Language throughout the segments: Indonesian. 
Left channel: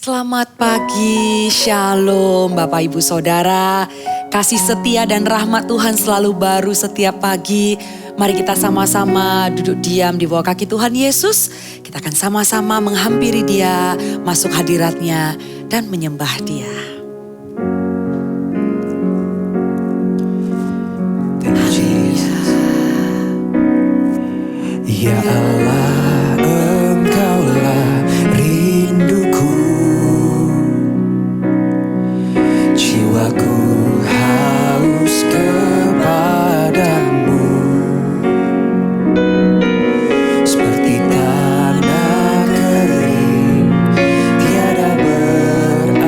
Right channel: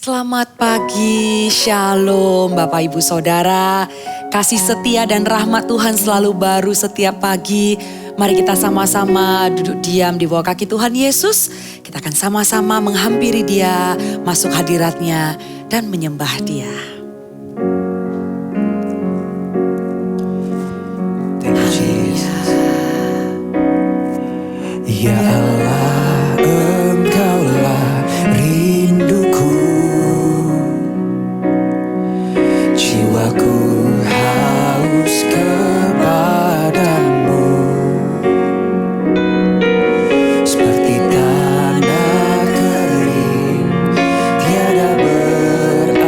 Selamat pagi, Shalom Bapak Ibu Saudara. Kasih setia dan rahmat Tuhan selalu baru setiap pagi. Mari kita sama-sama duduk diam di bawah kaki Tuhan Yesus. Kita akan sama-sama menghampiri Dia, masuk hadiratnya dan menyembah Dia. Thank you, Jesus. Ya Allah, Engkaulah rinduku. Jiwaku haus kepadamu. Seperti tanah kering, tiada berair.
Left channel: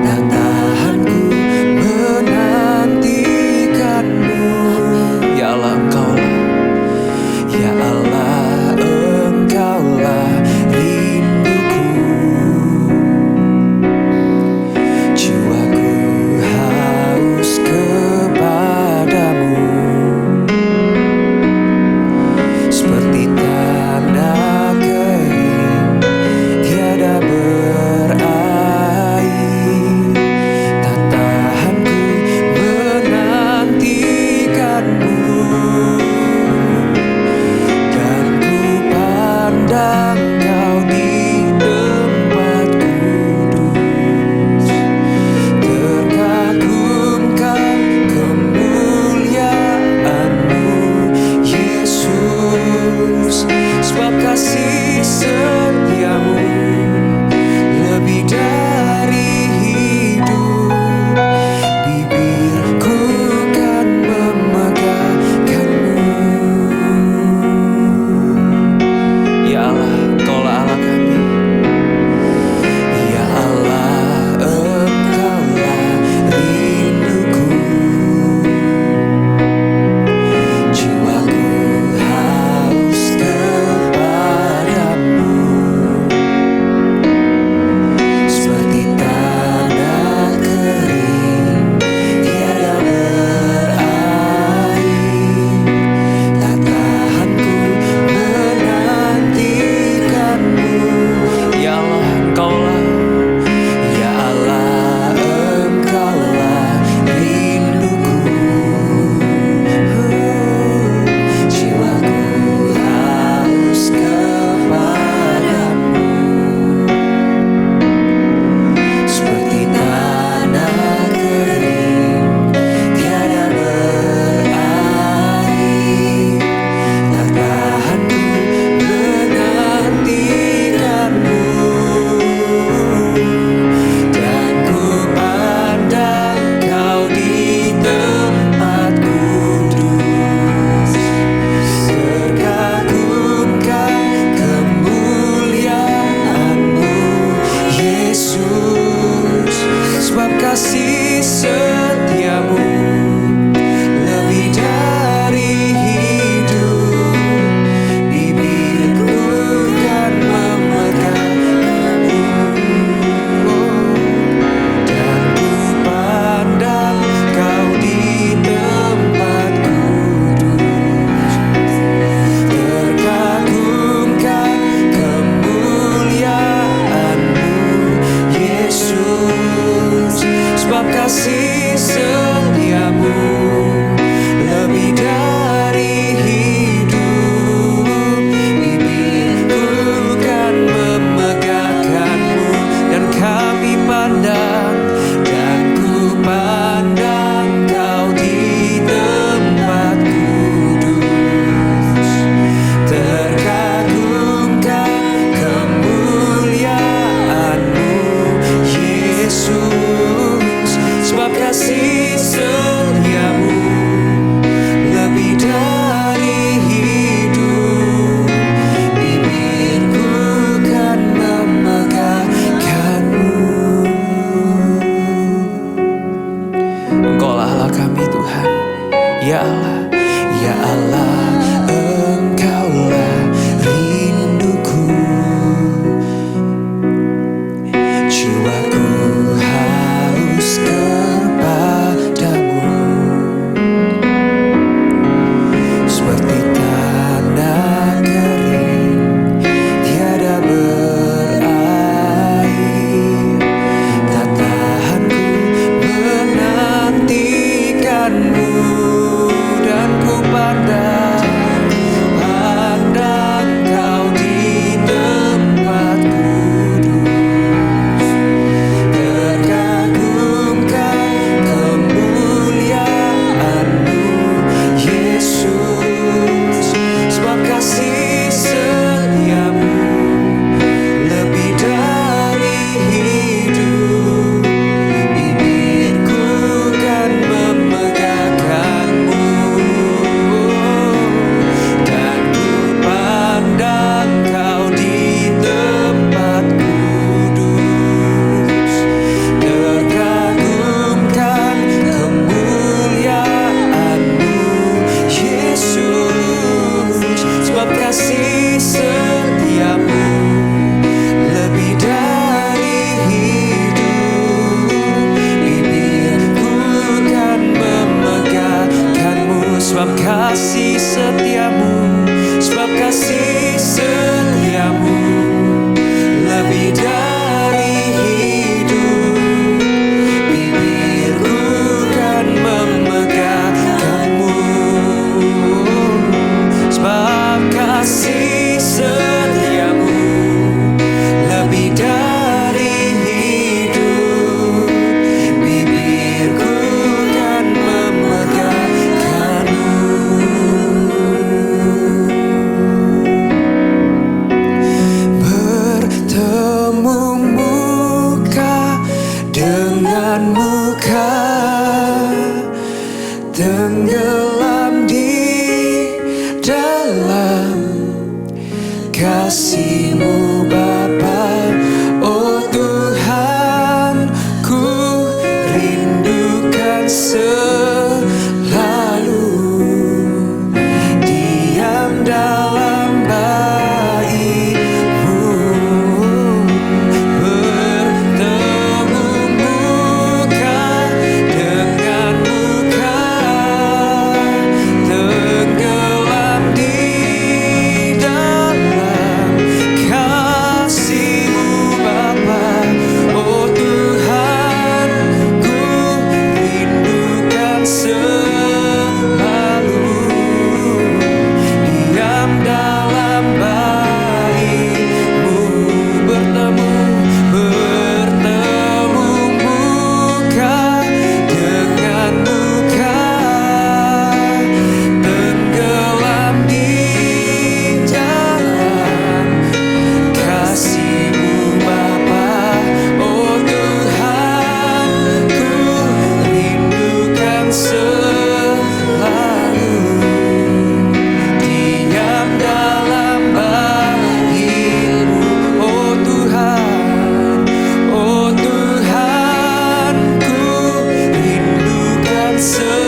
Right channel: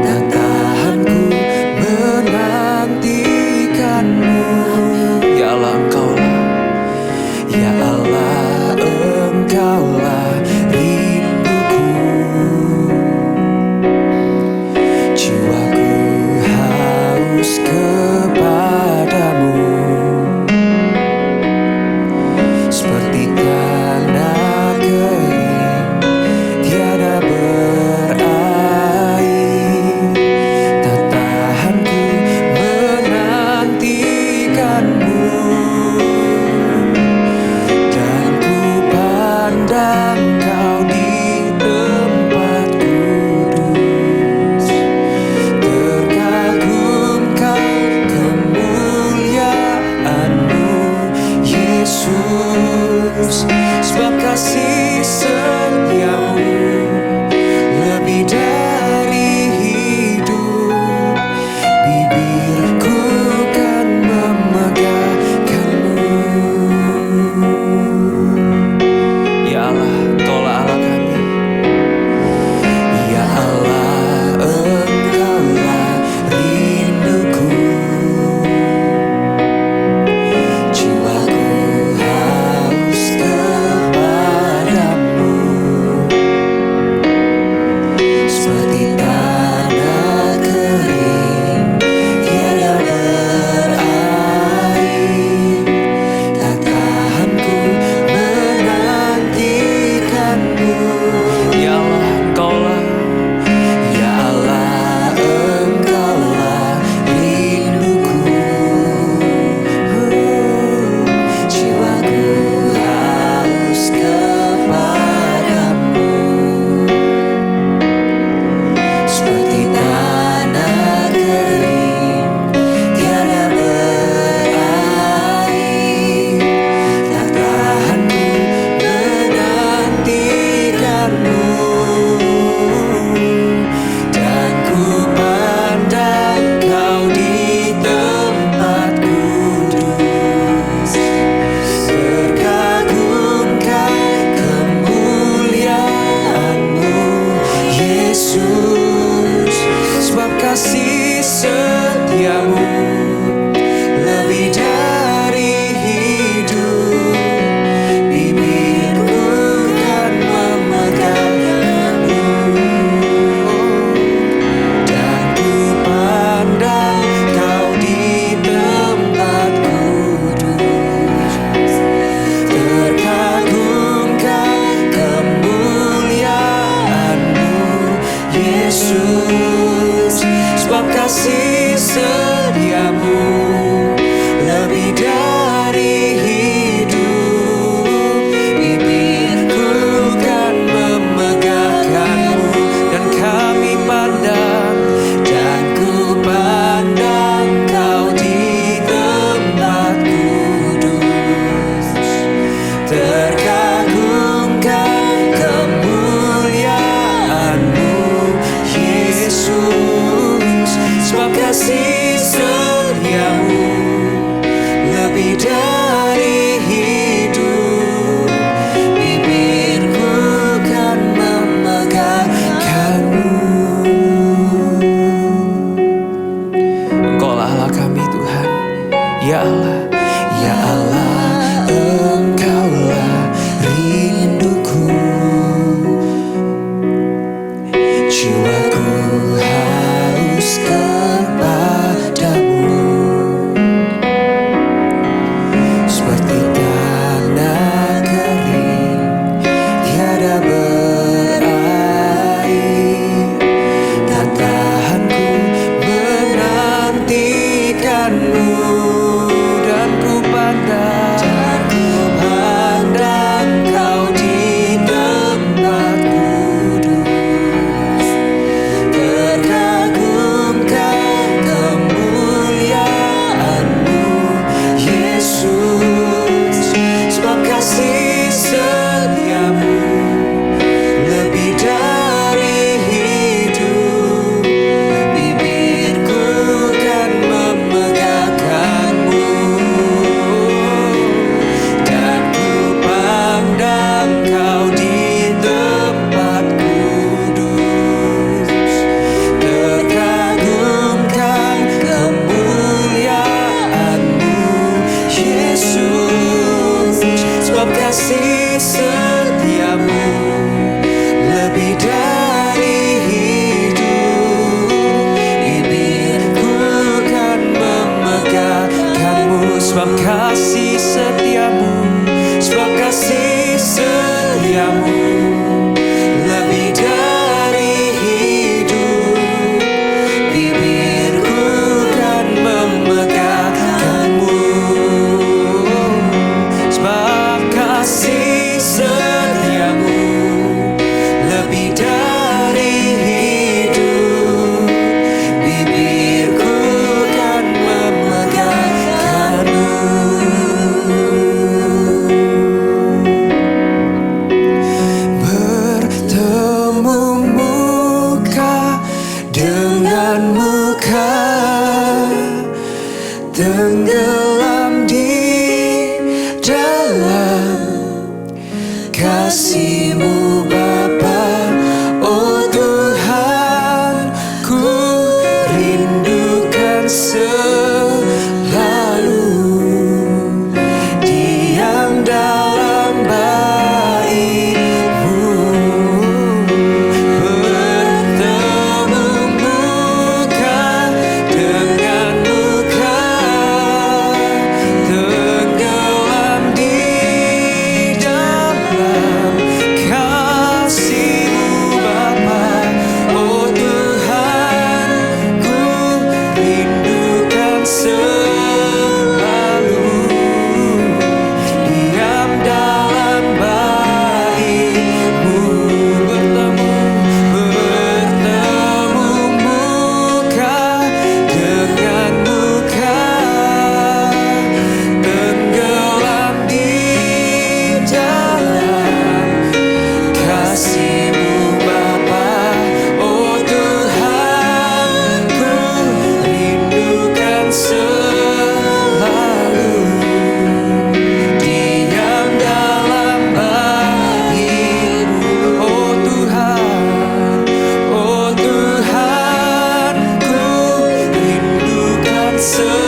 Tak tahanku menantikanmu. Ya Allah, Engkaulah, ya Allah, Engkaulah rinduku. Jiwaku haus kepadamu. Seperti tanah kering, tiada berair. Tak tahanku menantikanmu. Dan ku pandang Kau di tempat kudus. Terkagumkan kemuliaan-Mu, Yesus. Sebab kasih setiamu lebih dari hidup. Bibirku kan memegahkan-Mu. Ya Allah, Engkaulah Allah kami. Ya Allah, Engkaulah rinduku. Jiwaku haus kepadamu. Seperti tanah kering, tiada berair. Tak tahanku menantikanmu. Ya Allah, Engkaulah, ya Allah, Engkaulah rinduku. Jiwaku haus kepadamu. Seperti tanah kering, tiada berair. Tak tahanku menantikanmu. Dan ku pandang Kau di tempat kudus. Terkagumkan kemuliaan-Mu, Yesus. Sebab kasih setiamu lebih dari hidup. Bibirku kan memegahkan-Mu. Dan ku pandang Kau di tempat kudus. Terkagumkan kemuliaan-Mu, Yesus. Sebab kasih setiamu lebih dari hidup. Bibirku kan memegahkan-Mu. Dan kami pandang, dan ku pandang Kau di tempat kudus. Terkagumkan kemuliaan-Mu, Yesus. Sebab kasih setiamu lebih dari hidup. Bibirku kan memegahkan-Mu. Engkaulah Allah kami, Tuhan. Ya Allah, ya Allah, Engkaulah rinduku. Jiwaku haus kepadamu. Seperti tanah kering, tiada berakhir. Tak tahan ku menantikanmu, dan ku pandang kau di tempat kudus. Terkagumkan kemuliaan-Mu Yesus, sebab kasih setiamu lebih dari hidup. Bibirku kan memegahkanmu, dan ku pandang kau di tempat kudus. Terkagumkan kemuliaan-Mu Yesus, sebab kasih setiamu lebih dari hidup. Bibirku kan memegahkanmu, sebab kasih setiamu, sebab kasih setiamu lebih dari hidup. Bibirku kan memegahkanmu, sebab kasih setiamu lebih dari hidup. Bibirku kan memegahkanmu. Bertemu muka dengan muka, tenggelam di dalam kasih-Mu Bapa. Oh Tuhan, ku rindukan selalu diam dalam bait-Mu. Bertemu muka dengan muka, tenggelam di dalam kasih-Mu Bapa. Oh Tuhan, ku rindukan selalu diam dalam bait-Mu. Bertemu muka dengan muka, tenggelam di dalam kasih-Mu Bapa. Oh Tuhan, ku rindukan selalu diam dalam bait-Mu. Oh Tuhan, oh Tuhan, ku rindukan selalu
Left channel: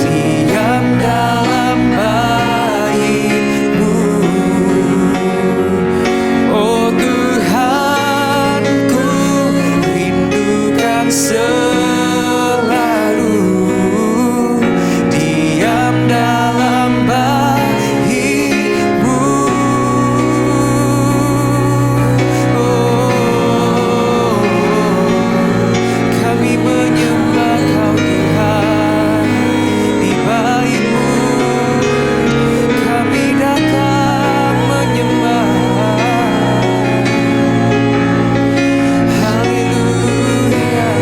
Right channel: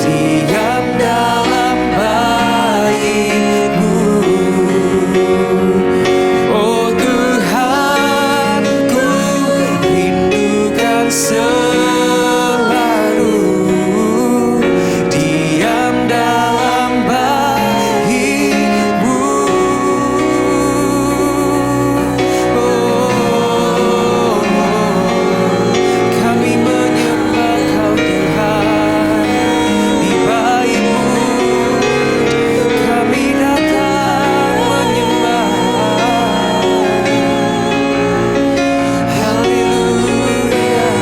diam dalam bait-Mu. Oh Tuhan, ku rindukan selalu diam dalam bait-Mu. Oh, kami menyembah Kau Tuhan di bait-Mu. Kami datang menyembah. Haleluya.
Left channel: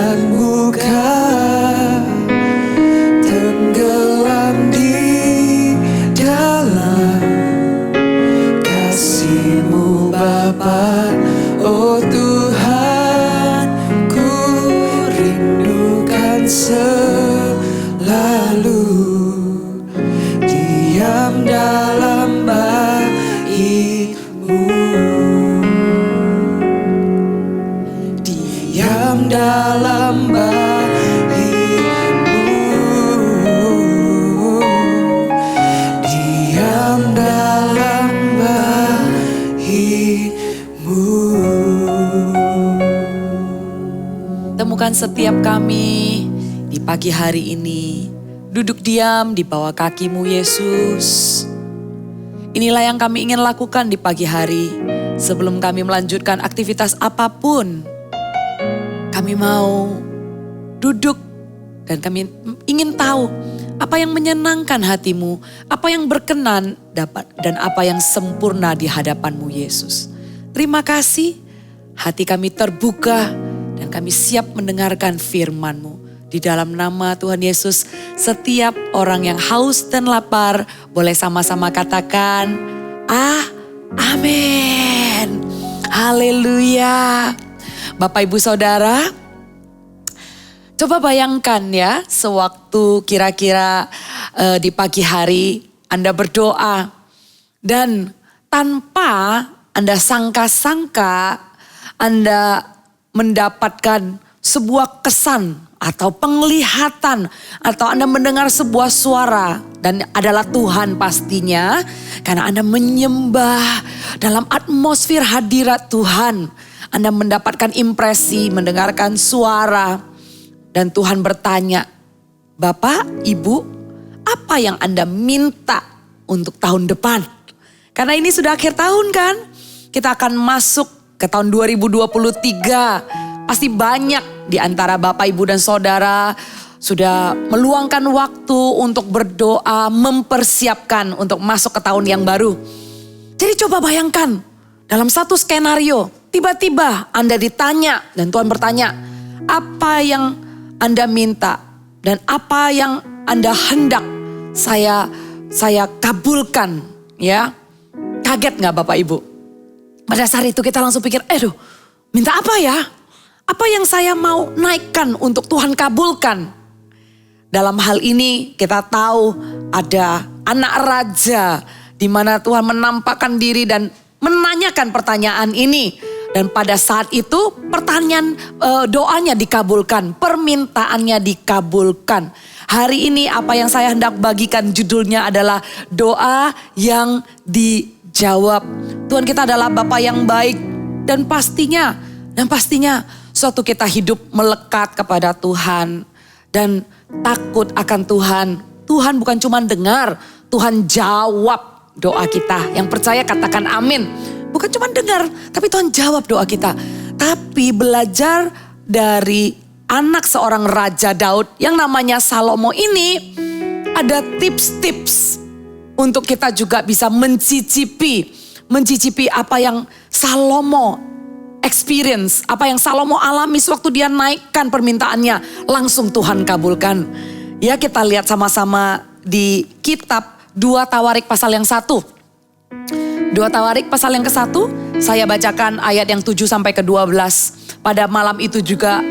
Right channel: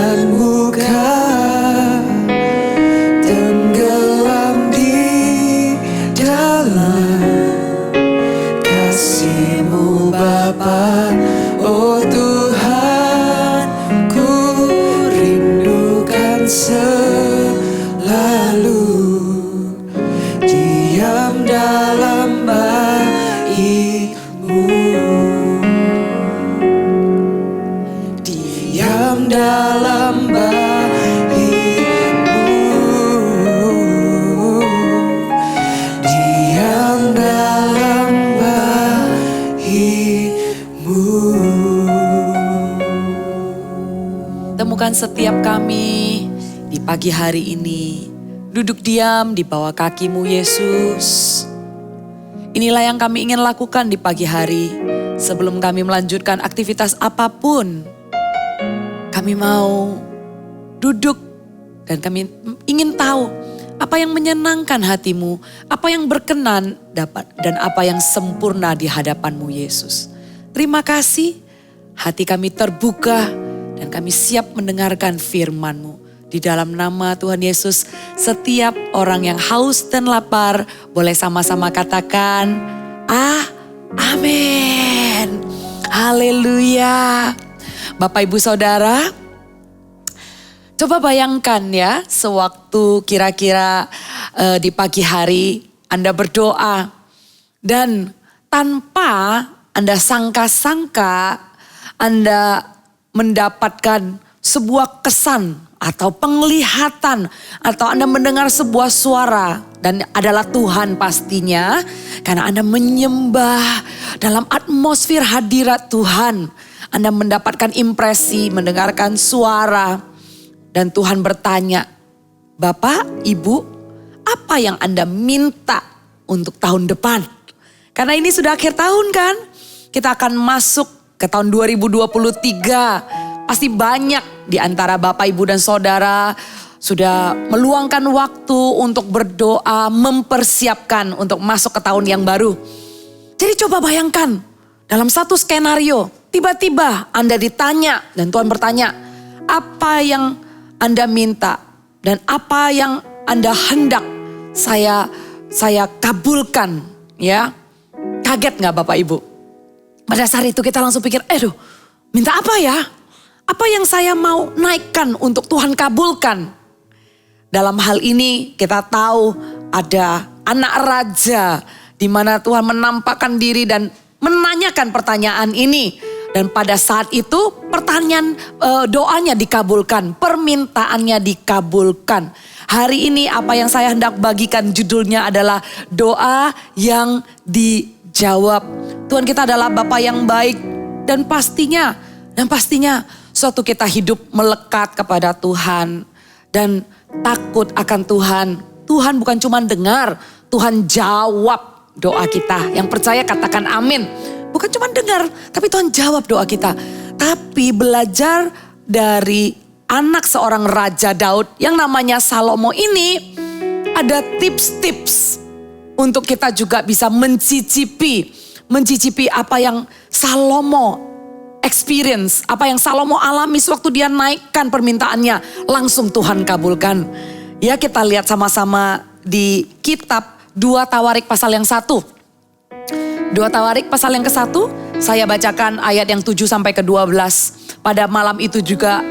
dengan muka tenggelam di dalam kasih-Mu Bapa. Oh Tuhan, ku rindukan selalu diam dalam bait-Mu, diam dalam bait-Mu, diam dalam bait-Mu. Temukan setiap kami di pagi hari ini, duduk diam di bawah kaki-Mu Yesus. Inilah yang kami ingin lakukan di pagi hari. Sebelum kami melanjutkan aktivitas apapun, kami mau duduk dan kami ingin tahu apa yang menyenangkan hati-Mu, apa yang berkenan dan apa yang sempurna di hadapan-Mu Yesus. Terima kasih, hati kami terbuka dan kami siap mendengarkan firman-Mu. Di dalam nama Tuhan Yesus, setiap orang yang haus dan lapar boleh sama-sama katakan, amin. Haleluya. Bapak Ibu Saudara, coba bayangkan ya, sewaktu kira-kira di pagi hari Anda berdoa dan tanpa Anda sangka-sangka Anda mendapatkan sebuah kesan atau penglihatan atau Anda mendengar sebuah suara dan adalah Tuhan pastinya karena Anda menyembah dalam atmosfer hadirat Tuhan. Anda mendapatkan impresi, mendengarkan suara dan Tuhan bertanya, Bapak, Ibu, apa yang Anda minta untuk tahun depan? Karena ini sudah akhir tahun kan? Kita akan masuk ke tahun 2023. Pasti banyak di antara Bapak, Ibu dan Saudara sudah meluangkan waktu untuk berdoa, mempersiapkan untuk masuk ke tahun yang baru. Jadi coba bayangkan dalam satu skenario, tiba-tiba Anda ditanya dan Tuhan bertanya, apa yang Anda minta dan apa yang Anda hendak saya kabulkan, ya. Kaget gak Bapak Ibu? Pada saat itu kita langsung pikir, minta apa ya? Apa yang saya mau naikkan untuk Tuhan kabulkan? Dalam hal ini kita tahu ada anak raja di mana Tuhan menampakkan diri dan menanyakan pertanyaan ini. Dan pada saat itu pertanyaan doanya dikabulkan, permintaannya dikabulkan. Hari ini apa yang saya hendak bagikan judulnya adalah doa yang dijawab. Tuhan kita adalah Bapa yang baik dan pastinya suatu kita hidup melekat kepada Tuhan dan takut akan Tuhan. Tuhan bukan cuma dengar, Tuhan jawab doa kita. Yang percaya katakan amin. Bukan cuma dengar, tapi Tuhan jawab doa kita. Tapi belajar dari anak seorang Raja Daud yang namanya Salomo ini, ada tips-tips untuk kita juga bisa mencicipi apa yang Salomo experience, apa yang Salomo alami sewaktu dia naikkan permintaannya, langsung Tuhan kabulkan. Ya, kita lihat sama-sama di kitab 2 Tawarik pasal yang 1. 2 Tawarik pasal yang ke-1, saya bacakan ayat yang 7 sampai ke 12. Pada malam itu juga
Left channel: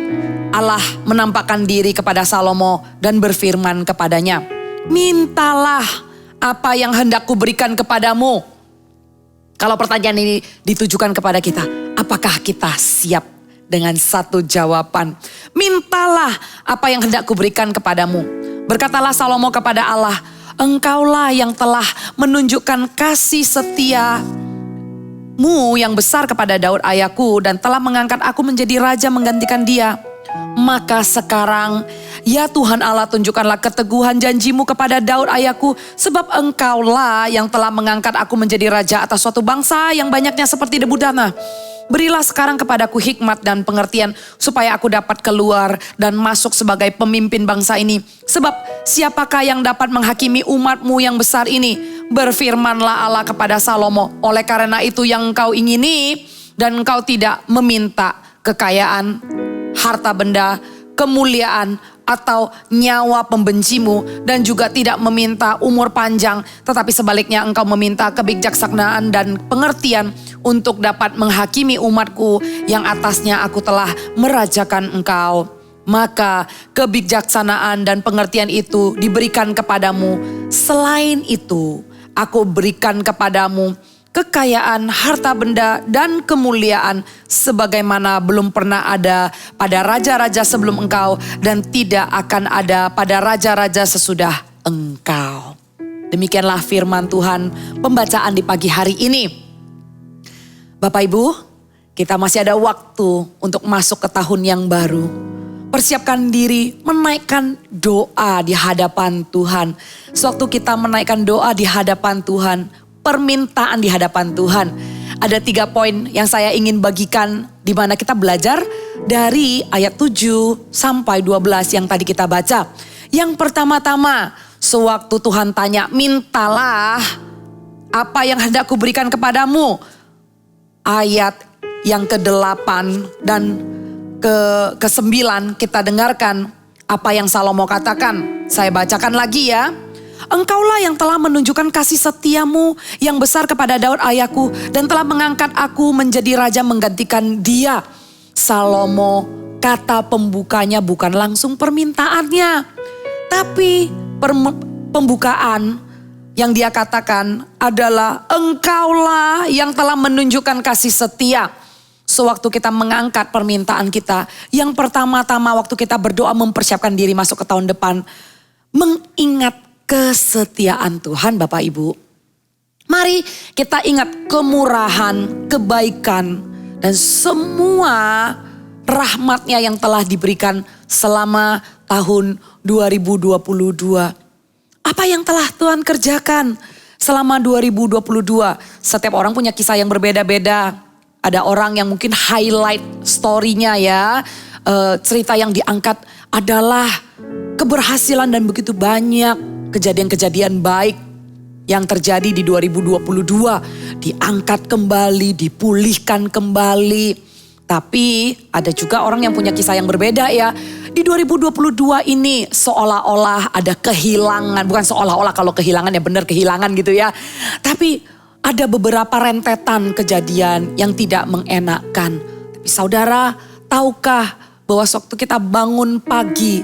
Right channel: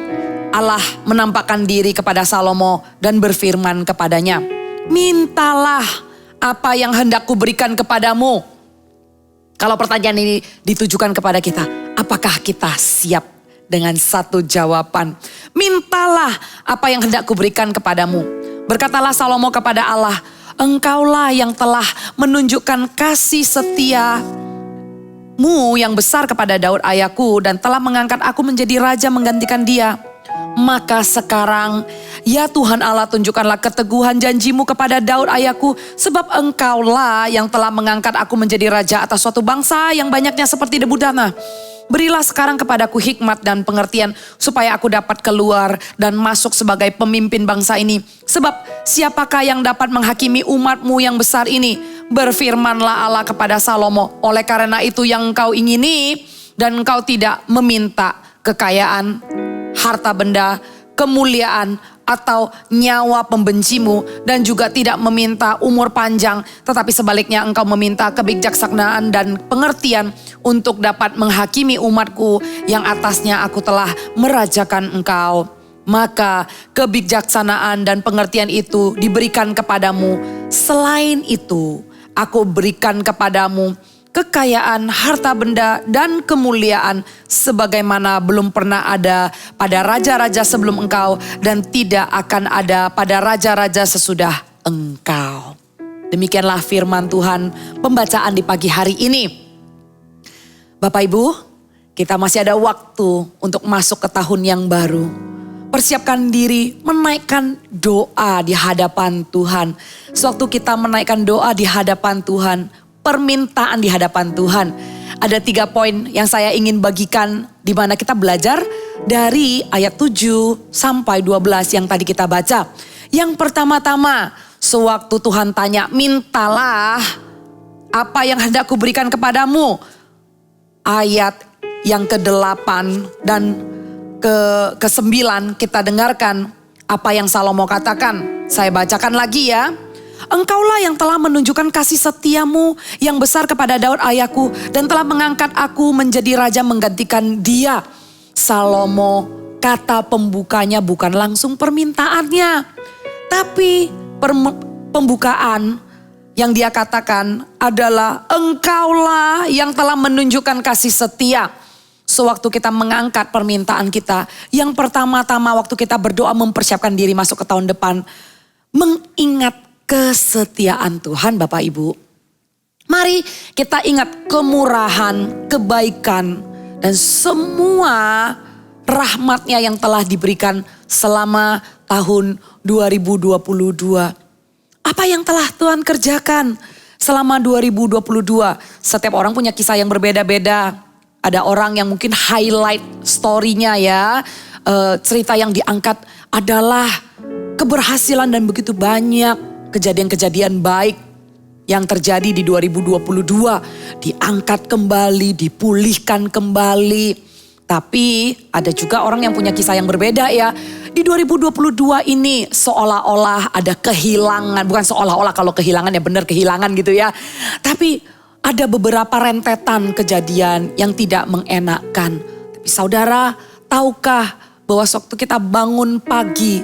Allah menampakkan diri kepada Salomo dan berfirman kepadanya, mintalah apa yang hendak kuberikan kepadamu. Kalau pertanyaan ini ditujukan kepada kita, apakah kita siap dengan satu jawaban? Mintalah apa yang hendak kuberikan kepadamu. Berkatalah Salomo kepada Allah, Engkaulah yang telah menunjukkan kasih setiamu yang besar kepada Daud ayahku dan telah mengangkat aku menjadi raja menggantikan dia. Maka sekarang, ya Tuhan Allah, tunjukkanlah keteguhan janjimu kepada Daud ayahku, sebab Engkaulah yang telah mengangkat aku menjadi raja atas suatu bangsa yang banyaknya seperti debu tanah. Berilah sekarang kepadaku hikmat dan pengertian supaya aku dapat keluar dan masuk sebagai pemimpin bangsa ini. Sebab siapakah yang dapat menghakimi umatmu yang besar ini? Berfirmanlah Allah kepada Salomo, oleh karena itu yang engkau ingini dan engkau tidak meminta kekayaan, harta benda, kemuliaan atau nyawa pembencimu, dan juga tidak meminta umur panjang, tetapi sebaliknya engkau meminta kebijaksanaan dan pengertian untuk dapat menghakimi umatku yang atasnya aku telah merajakan engkau. Maka kebijaksanaan dan pengertian itu diberikan kepadamu. Selain itu, aku berikan kepadamu kekayaan, harta benda, dan kemuliaan sebagaimana belum pernah ada pada raja-raja sebelum engkau dan tidak akan ada pada raja-raja sesudah engkau. Demikianlah firman Tuhan pembacaan di pagi hari ini. Bapak Ibu, kita masih ada waktu untuk masuk ke tahun yang baru. Persiapkan diri menaikkan doa di hadapan Tuhan. Sewaktu kita menaikkan doa di hadapan Tuhan, permintaan di hadapan Tuhan. Ada 3 poin yang saya ingin bagikan di mana kita belajar dari ayat 7 sampai 12 yang tadi kita baca. Yang pertama-tama, sewaktu Tuhan tanya, mintalah apa yang hendak kuberikan kepadamu. Ayat yang ke-8 dan ke-9 kita dengarkan apa yang Salomo katakan. Saya bacakan lagi ya. Engkaulah yang telah menunjukkan kasih setiamu yang besar kepada Daud ayahku dan telah mengangkat aku menjadi raja menggantikan dia. Salomo, kata pembukanya bukan langsung permintaannya, tapi pembukaan yang dia katakan adalah engkaulah yang telah menunjukkan kasih setia. Sewaktu kita mengangkat permintaan kita, yang pertama-tama waktu kita berdoa mempersiapkan diri masuk ke tahun depan, mengingat kesetiaan Tuhan Bapak Ibu. Mari kita ingat kemurahan, kebaikan, dan semua rahmat-Nya yang telah diberikan selama tahun 2022. Apa yang telah Tuhan kerjakan selama 2022? Setiap orang punya kisah yang berbeda-beda. Ada orang yang mungkin highlight story-nya ya. Cerita yang diangkat adalah keberhasilan dan begitu banyak kejadian-kejadian baik yang terjadi di 2022. Diangkat kembali, dipulihkan kembali. Tapi ada juga orang yang punya kisah yang berbeda ya. Di 2022 ini seolah-olah ada kehilangan. Bukan seolah-olah, kalau kehilangan ya benar kehilangan gitu ya. Tapi ada beberapa rentetan kejadian yang tidak mengenakkan. Tapi saudara, tahukah bahwa waktu kita bangun pagi,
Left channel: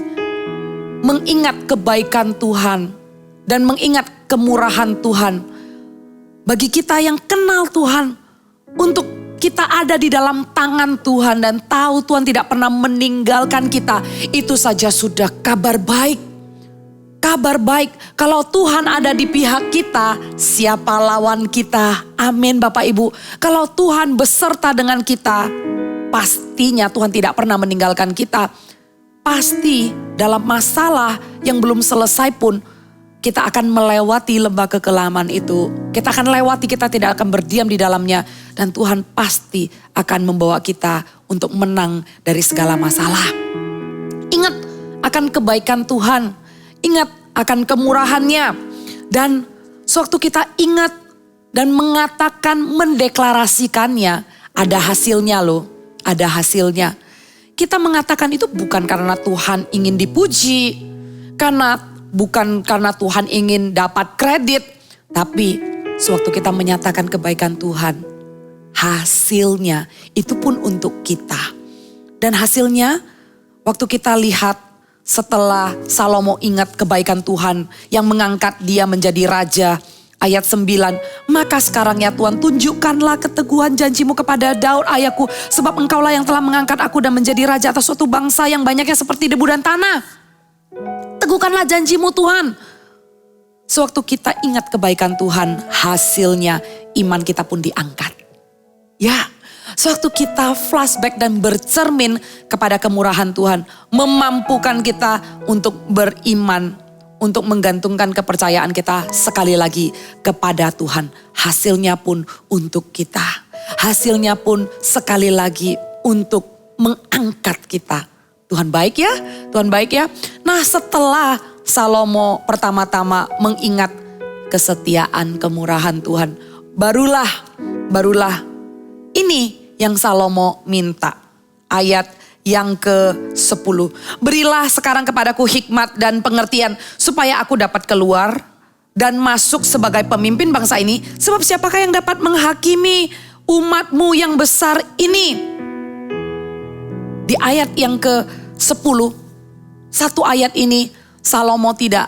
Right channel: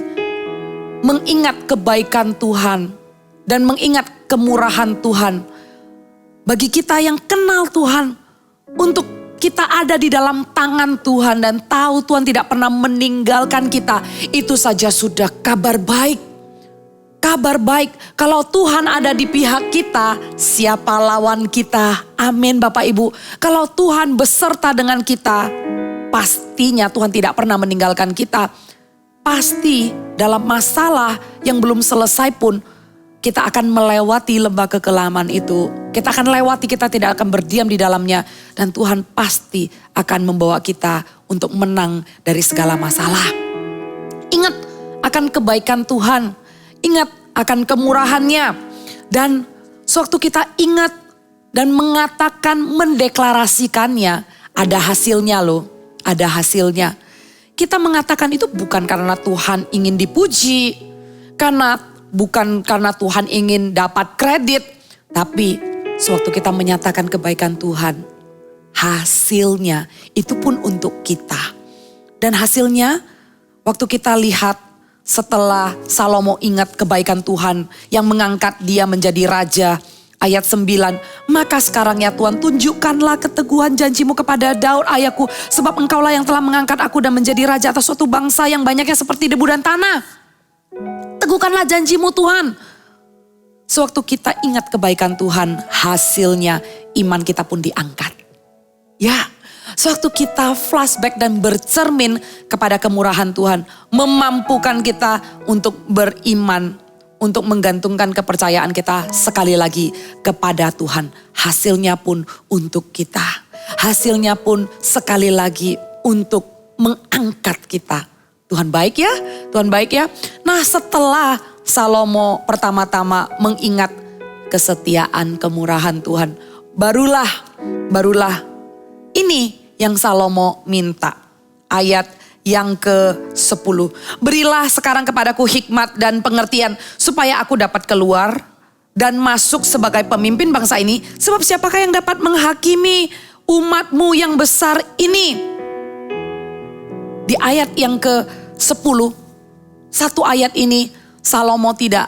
mengingat kebaikan Tuhan dan mengingat kemurahan Tuhan. Bagi kita yang kenal Tuhan, untuk kita ada di dalam tangan Tuhan dan tahu Tuhan tidak pernah meninggalkan kita, itu saja sudah kabar baik. Kabar baik, kalau Tuhan ada di pihak kita, siapa lawan kita? Amin Bapak Ibu. Kalau Tuhan beserta dengan kita, pastinya Tuhan tidak pernah meninggalkan kita. Pasti dalam masalah yang belum selesai pun, kita akan melewati lembah kekelaman itu. Kita akan lewati, kita tidak akan berdiam di dalamnya. Dan Tuhan pasti akan membawa kita untuk menang dari segala masalah. Ingat akan kebaikan Tuhan. Ingat akan kemurahannya. Dan sewaktu kita ingat dan mengatakan, mendeklarasikannya, ada hasilnya loh. Ada hasilnya. Kita mengatakan itu bukan karena Tuhan ingin dipuji. Bukan karena Tuhan ingin dapat kredit. Tapi sewaktu kita menyatakan kebaikan Tuhan, hasilnya itu pun untuk kita. Dan hasilnya waktu kita lihat, setelah Salomo ingat kebaikan Tuhan yang mengangkat dia menjadi raja. Ayat 9, maka sekarang ya Tuhan, tunjukkanlah keteguhan janjimu kepada Daud ayahku. Sebab engkaulah yang telah mengangkat aku dan menjadi raja atas suatu bangsa yang banyaknya seperti debu dan tanah. Teguhkanlah janjimu Tuhan. Sewaktu kita ingat kebaikan Tuhan, hasilnya iman kita pun diangkat. Ya. Sewaktu kita flashback dan bercermin kepada kemurahan Tuhan, memampukan kita untuk beriman, untuk menggantungkan kepercayaan kita sekali lagi kepada Tuhan. Hasilnya pun untuk kita. Hasilnya pun sekali lagi untuk mengangkat kita. Tuhan baik ya, Tuhan baik ya. Nah, setelah Salomo pertama-tama mengingat kesetiaan, kemurahan Tuhan, barulah ini yang Salomo minta. Ayat yang ke-10. Berilah sekarang kepadaku hikmat dan pengertian supaya aku dapat keluar dan masuk sebagai pemimpin bangsa ini. Sebab siapakah yang dapat menghakimi umatmu yang besar ini? Di ayat yang ke-10, satu ayat ini Salomo tidak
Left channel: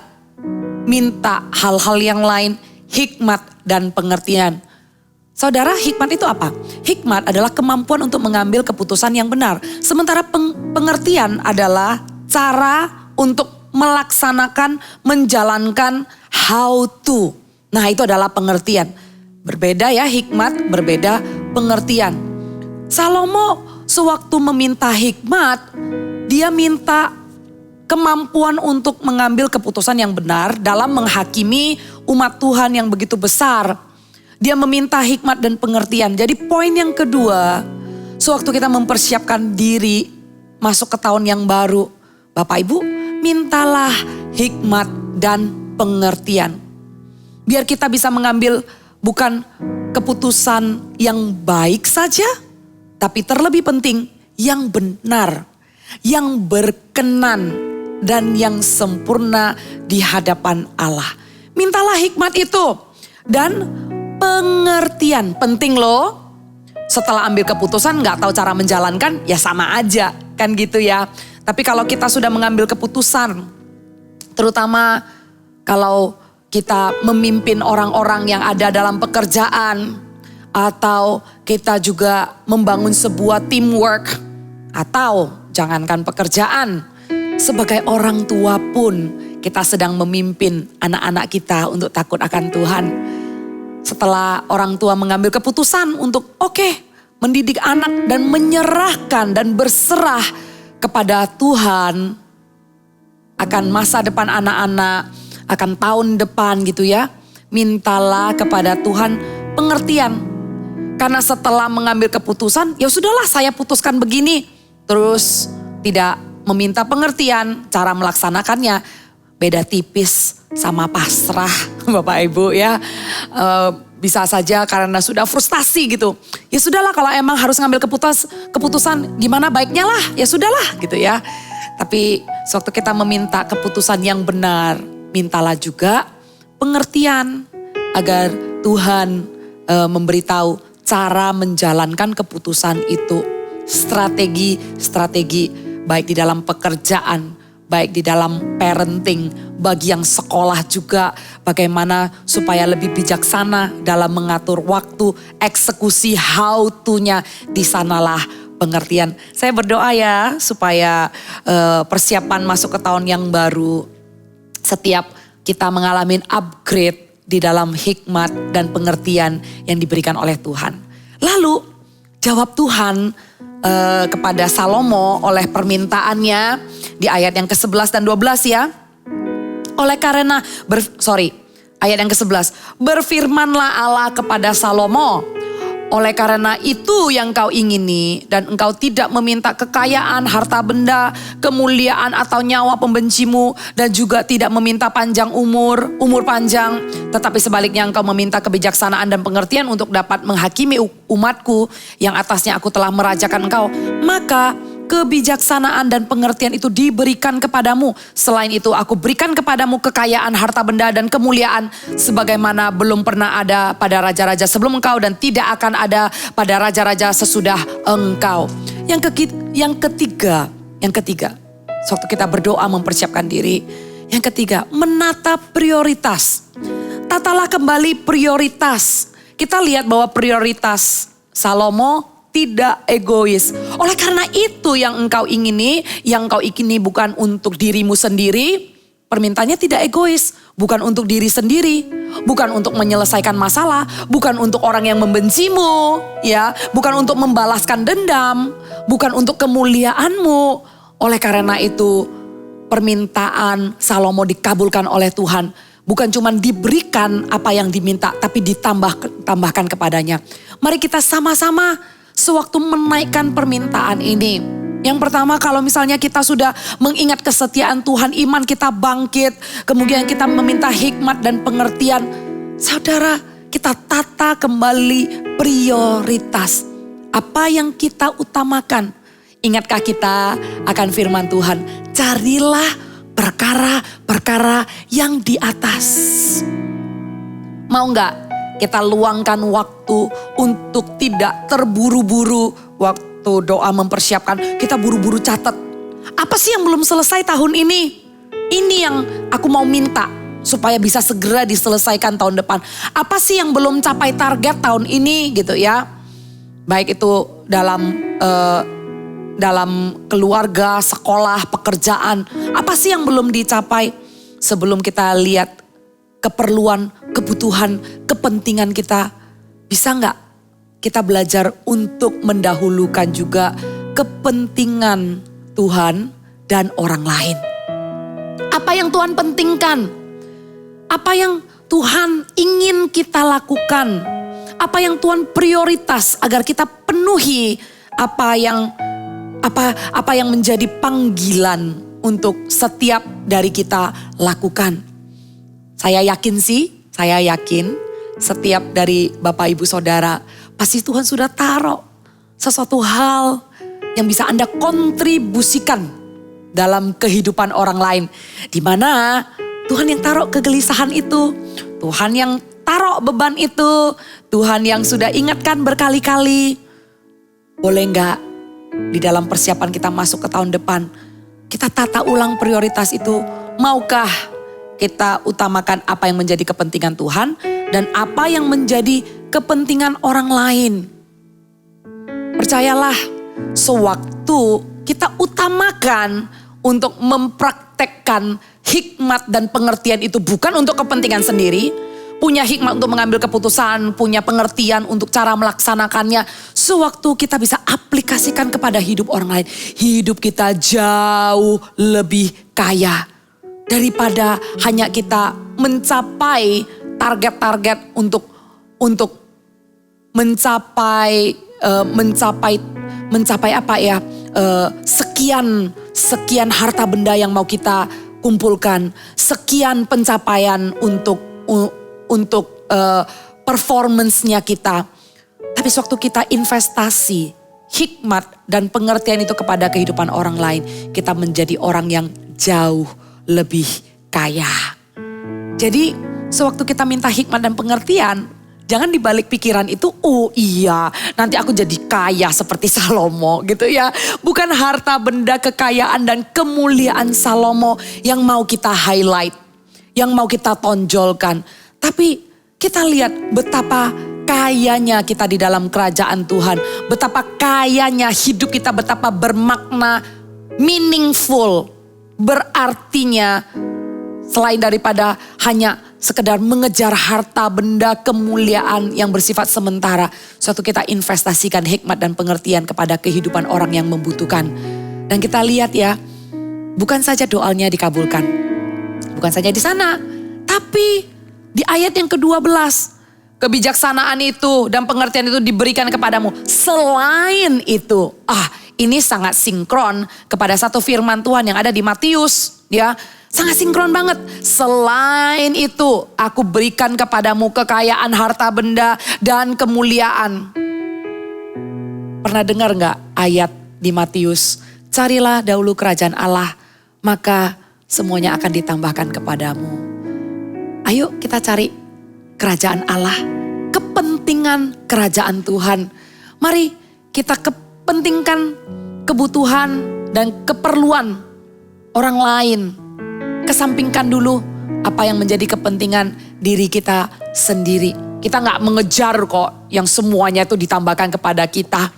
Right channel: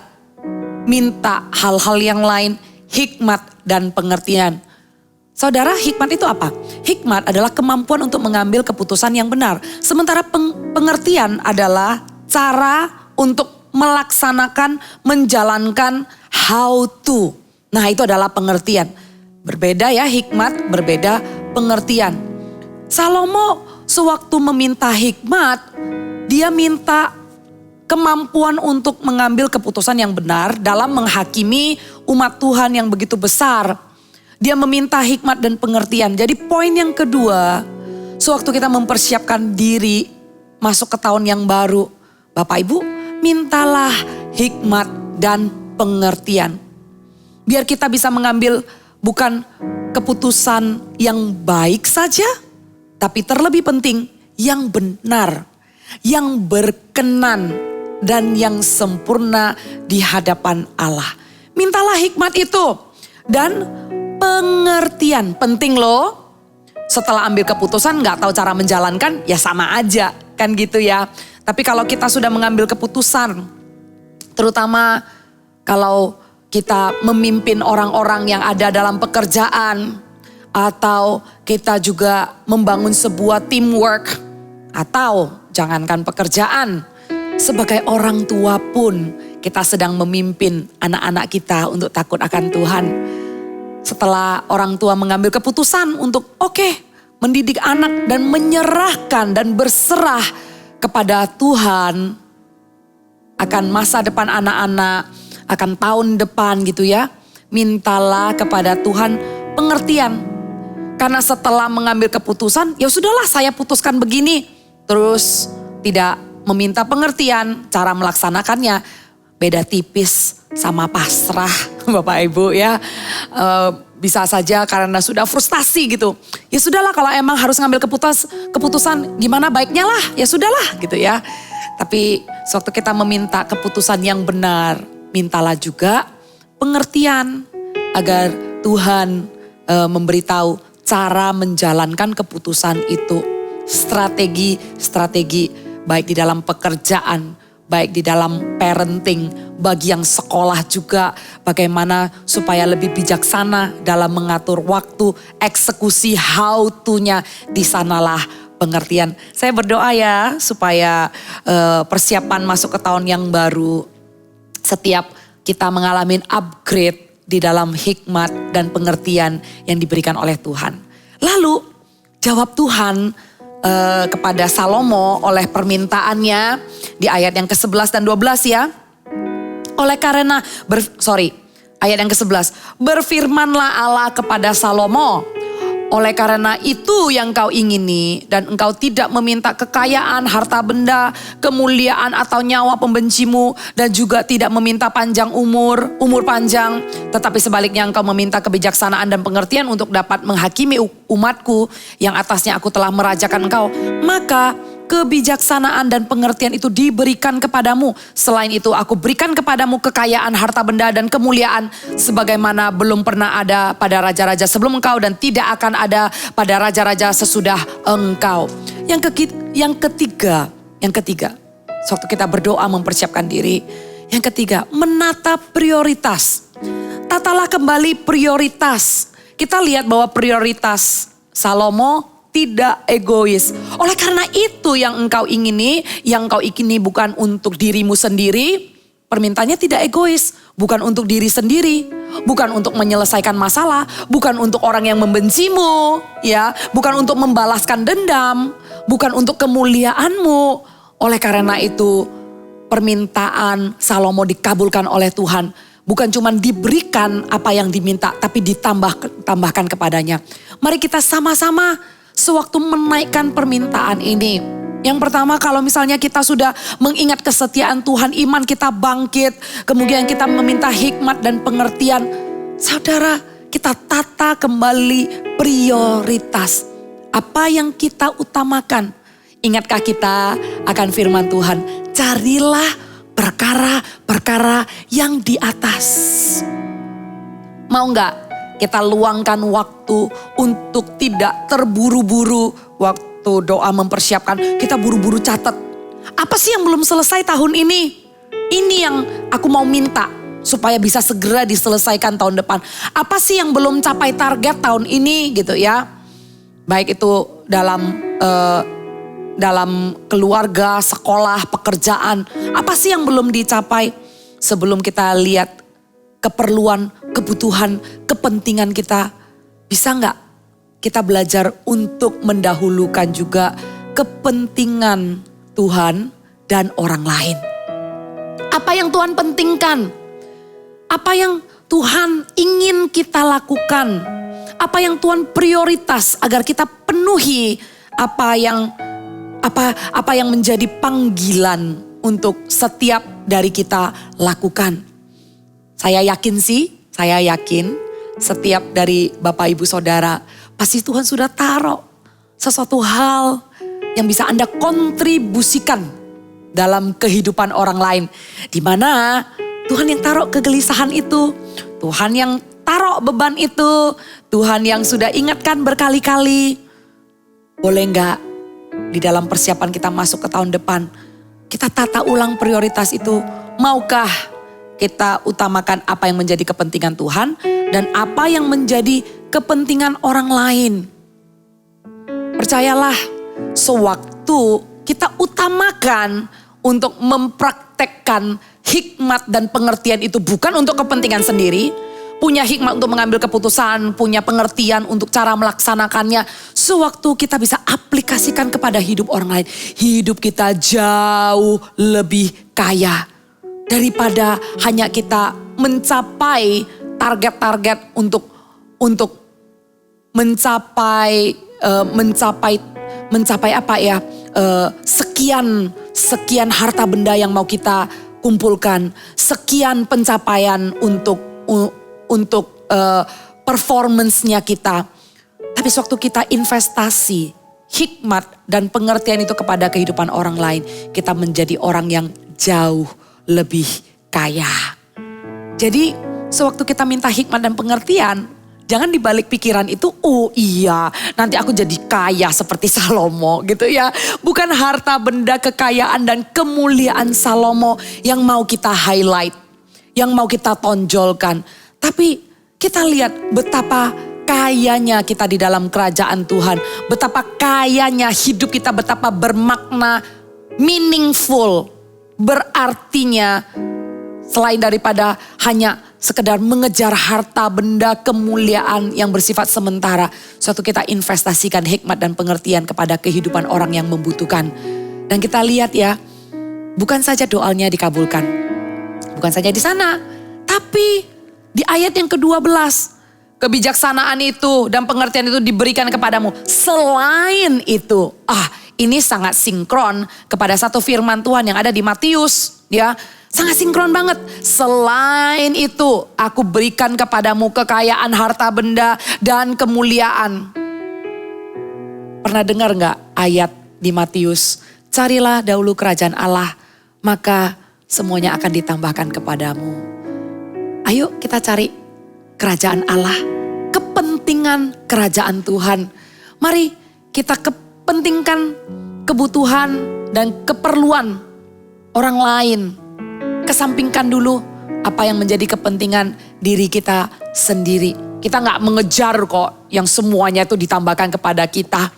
minta hal-hal yang lain, hikmat dan pengertian. Saudara, hikmat itu apa? Hikmat adalah kemampuan untuk mengambil keputusan yang benar. Sementara pengertian adalah cara untuk melaksanakan, menjalankan how to. Nah, itu adalah pengertian. Berbeda ya hikmat, berbeda pengertian. Salomo sewaktu meminta hikmat, dia minta kemampuan untuk mengambil keputusan yang benar dalam menghakimi umat Tuhan yang begitu besar. Dia meminta hikmat dan pengertian. Jadi poin yang kedua, sewaktu kita mempersiapkan diri masuk ke tahun yang baru, Bapak Ibu, mintalah hikmat dan pengertian. Biar kita bisa mengambil bukan keputusan yang baik saja, tapi terlebih penting yang benar, yang berkenan, dan yang sempurna di hadapan Allah. Mintalah hikmat itu dan pengertian. Penting loh. Setelah ambil keputusan gak tahu cara menjalankan, ya sama aja kan gitu ya. Tapi kalau kita sudah mengambil keputusan, terutama kalau kita memimpin orang-orang yang ada dalam pekerjaan, atau kita juga membangun sebuah teamwork, atau jangankan pekerjaan, sebagai orang tua pun kita sedang memimpin anak-anak kita untuk takut akan Tuhan. Setelah orang tua mengambil keputusan untuk mendidik anak dan menyerahkan dan berserah kepada Tuhan akan masa depan anak-anak, akan tahun depan gitu ya. Mintalah kepada Tuhan pengertian. Karena setelah mengambil keputusan, ya sudahlah saya putuskan begini. Terus tidak meminta pengertian, cara melaksanakannya beda tipis sama pasrah Bapak Ibu ya. Bisa saja karena sudah frustasi gitu. Ya sudahlah kalau emang harus ngambil keputusan gimana baiknya lah, ya sudahlah gitu ya. Tapi sewaktu kita meminta keputusan yang benar, mintalah juga pengertian agar Tuhan memberitahu cara menjalankan keputusan itu. Strategi baik di dalam pekerjaan, baik di dalam parenting, bagi yang sekolah juga bagaimana supaya lebih bijaksana dalam mengatur waktu, eksekusi how to-nya, di sanalah pengertian. Saya berdoa ya supaya persiapan masuk ke tahun yang baru, setiap kita mengalami upgrade di dalam hikmat dan pengertian yang diberikan oleh Tuhan. Lalu jawab Tuhan kepada Salomo oleh permintaannya di ayat yang ke-11 dan 12 ya. Ayat yang ke-11. Berfirmanlah Allah kepada Salomo, oleh karena itu yang kau ingini dan engkau tidak meminta kekayaan, harta benda, kemuliaan atau nyawa pembencimu, dan juga tidak meminta panjang umur panjang, tetapi sebaliknya engkau meminta kebijaksanaan dan pengertian untuk dapat menghakimi umatku yang atasnya aku telah merajakan engkau, maka kebijaksanaan dan pengertian itu diberikan kepadamu. Selain itu aku berikan kepadamu kekayaan, harta benda dan kemuliaan sebagaimana belum pernah ada pada raja-raja sebelum engkau dan tidak akan ada pada raja-raja sesudah engkau. Yang ketiga, waktu kita berdoa mempersiapkan diri. Yang ketiga, menata prioritas. Tatalah kembali prioritas. Kita lihat bahwa prioritas Salomo tidak egois. Oleh karena itu yang engkau ingini bukan untuk dirimu sendiri. Permintaannya tidak egois, bukan untuk diri sendiri, bukan untuk menyelesaikan masalah, bukan untuk orang yang membencimu, ya, bukan untuk membalaskan dendam, bukan untuk kemuliaanmu. Oleh karena itu permintaan Salomo dikabulkan oleh Tuhan. Bukan cuma diberikan apa yang diminta, tapi ditambahkan kepadanya. Mari kita sama-sama sewaktu menaikkan permintaan ini. Yang pertama, kalau misalnya kita sudah mengingat kesetiaan Tuhan, iman kita bangkit, kemudian kita meminta hikmat dan pengertian. Saudara, kita tata kembali prioritas. Apa yang kita utamakan? Ingatkah kita akan firman Tuhan? Carilah perkara-perkara yang di atas. Mau gak kita luangkan waktu untuk tidak terburu-buru waktu doa mempersiapkan. Kita buru-buru catat. Apa sih yang belum selesai tahun ini? Ini yang aku mau minta supaya bisa segera diselesaikan tahun depan. Apa sih yang belum capai target tahun ini gitu ya. Baik itu dalam keluarga, sekolah, pekerjaan. Apa sih yang belum dicapai sebelum kita lihat keperluan, kebutuhan, kepentingan kita. Bisa nggak kita belajar untuk mendahulukan juga kepentingan Tuhan dan orang lain. Apa yang Tuhan pentingkan? Apa yang Tuhan ingin kita lakukan? Apa yang Tuhan prioritas agar kita penuhi apa yang menjadi panggilan untuk setiap dari kita lakukan. Saya yakin setiap dari Bapak Ibu Saudara pasti Tuhan sudah taruh sesuatu hal yang bisa Anda kontribusikan dalam kehidupan orang lain. Di mana Tuhan yang taruh kegelisahan itu, Tuhan yang taruh beban itu, Tuhan yang sudah ingatkan berkali-kali. Boleh enggak di dalam persiapan kita masuk ke tahun depan, kita tata ulang prioritas itu. Maukah kita utamakan apa yang menjadi kepentingan Tuhan dan apa yang menjadi kepentingan orang lain? Percayalah, sewaktu kita utamakan untuk mempraktekkan hikmat dan pengertian itu bukan untuk kepentingan sendiri, punya hikmat untuk mengambil keputusan, punya pengertian untuk cara melaksanakannya. Sewaktu kita bisa aplikasikan kepada hidup orang lain, hidup kita jauh lebih kaya daripada hanya kita mencapai target-target untuk mencapai apa ya? Sekian harta benda yang mau kita kumpulkan, sekian pencapaian untuk performance-nya kita. Tapi sewaktu kita investasi hikmat dan pengertian itu kepada kehidupan orang lain, kita menjadi orang yang jauh lebih kaya. Jadi sewaktu kita minta hikmat dan pengertian, jangan dibalik pikiran itu, oh iya nanti aku jadi kaya seperti Salomo gitu ya. Bukan harta benda, kekayaan dan kemuliaan Salomo yang mau kita highlight, yang mau kita tonjolkan. Tapi kita lihat betapa kayanya kita di dalam kerajaan Tuhan. Betapa kayanya hidup kita, betapa bermakna, meaningful, berartinya. Selain daripada hanya sekedar mengejar harta benda kemuliaan yang bersifat sementara. Suatu kita investasikan hikmat dan pengertian kepada kehidupan orang yang membutuhkan. Dan kita lihat ya, bukan saja doanya dikabulkan. Bukan saja di sana, tapi di ayat yang ke-12, kebijaksanaan itu dan pengertian itu diberikan kepadamu. Selain itu, ini sangat sinkron kepada satu firman Tuhan yang ada di Matius, ya. Sangat sinkron banget. Selain itu, aku berikan kepadamu kekayaan harta benda dan kemuliaan. Pernah dengar gak ayat di Matius? Carilah dahulu kerajaan Allah, maka semuanya akan ditambahkan kepadamu. Ayo kita cari kerajaan Allah, kepentingan kerajaan Tuhan. Mari kita kepentingkan kebutuhan dan keperluan orang lain. Kesampingkan dulu apa yang menjadi kepentingan diri kita sendiri. Kita gak mengejar kok yang semuanya itu ditambahkan kepada kita.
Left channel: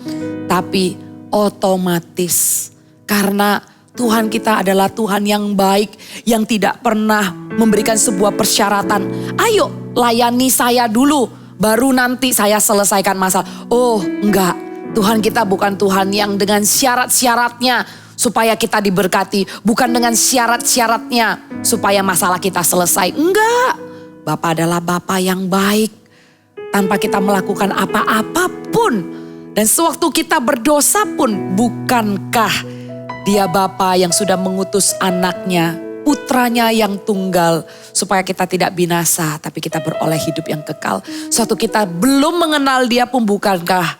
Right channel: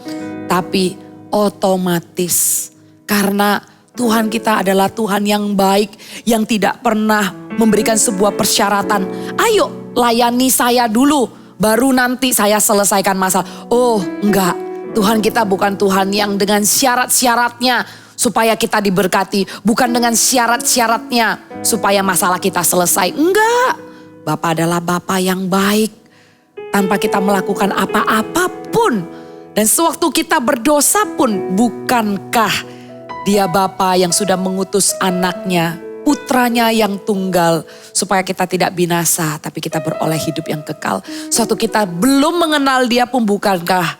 Tapi otomatis karena Tuhan kita adalah Tuhan yang baik, yang tidak pernah memberikan sebuah persyaratan. Ayo layani saya dulu, baru nanti saya selesaikan masalah. Oh enggak, Tuhan kita bukan Tuhan yang dengan syarat-syaratnya supaya kita diberkati. Bukan dengan syarat-syaratnya supaya masalah kita selesai. Enggak, Bapa adalah Bapa yang baik. Tanpa kita melakukan apa-apapun. Dan sewaktu kita berdosa pun, bukankah Dia Bapa yang sudah mengutus anaknya, putranya yang tunggal, supaya kita tidak binasa tapi kita beroleh hidup yang kekal. Suatu kita belum mengenal Dia pun, bukankah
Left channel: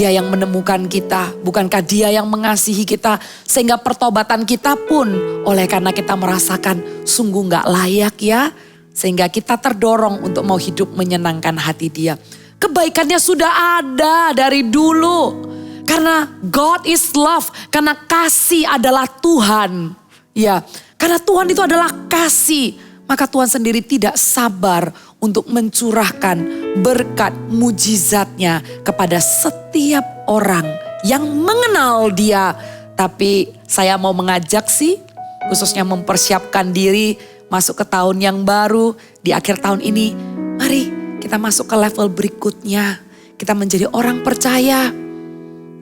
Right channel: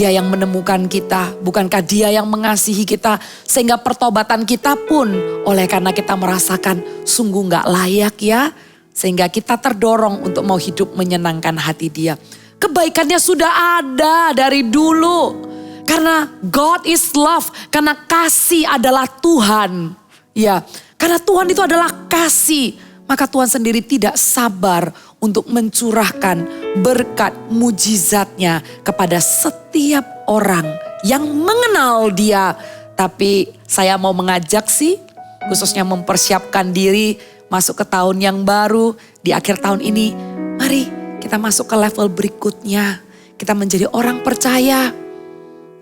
Dia yang menemukan kita, bukankah Dia yang mengasihi kita sehingga pertobatan kita pun oleh karena kita merasakan sungguh gak layak ya. Sehingga kita terdorong untuk mau hidup menyenangkan hati Dia. Kebaikannya sudah ada dari dulu. Karena God is love, karena kasih adalah Tuhan. Ya, karena Tuhan itu adalah kasih. Maka Tuhan sendiri tidak sabar untuk mencurahkan berkat mujizatnya kepada setiap orang yang mengenal Dia. Tapi saya mau mengajak sih, khususnya mempersiapkan diri masuk ke tahun yang baru. Di akhir tahun ini, mari kita masuk ke level berikutnya. Kita menjadi orang percaya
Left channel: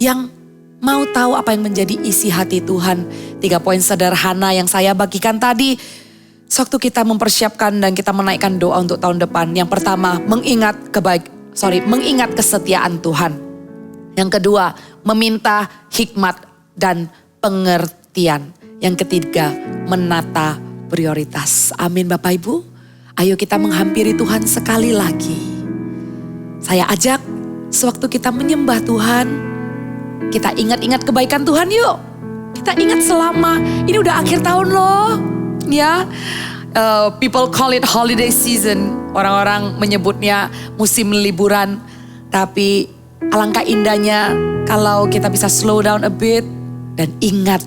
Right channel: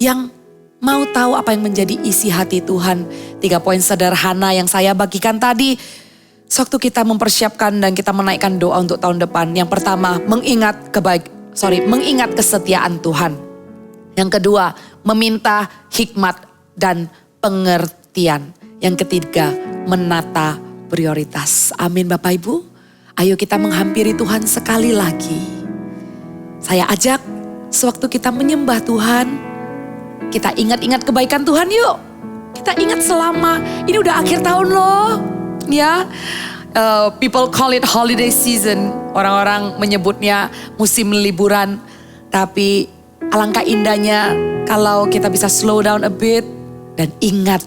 yang mau tahu apa yang menjadi isi hati Tuhan. 3 poin sederhana yang saya bagikan tadi. Sewaktu kita mempersiapkan dan kita menaikkan doa untuk tahun depan. Yang pertama, mengingat kesetiaan Tuhan. Yang kedua, meminta hikmat dan pengertian. Yang ketiga, menata prioritas. Amin Bapak Ibu. Ayo kita menghampiri Tuhan sekali lagi. Saya ajak sewaktu kita menyembah Tuhan, kita ingat-ingat kebaikan Tuhan yuk. Kita ingat selama, ini udah akhir tahun loh. Ya, people call it holiday season. Orang-orang menyebutnya musim liburan. Tapi alangkah indahnya kalau kita bisa slow down a bit. Dan ingat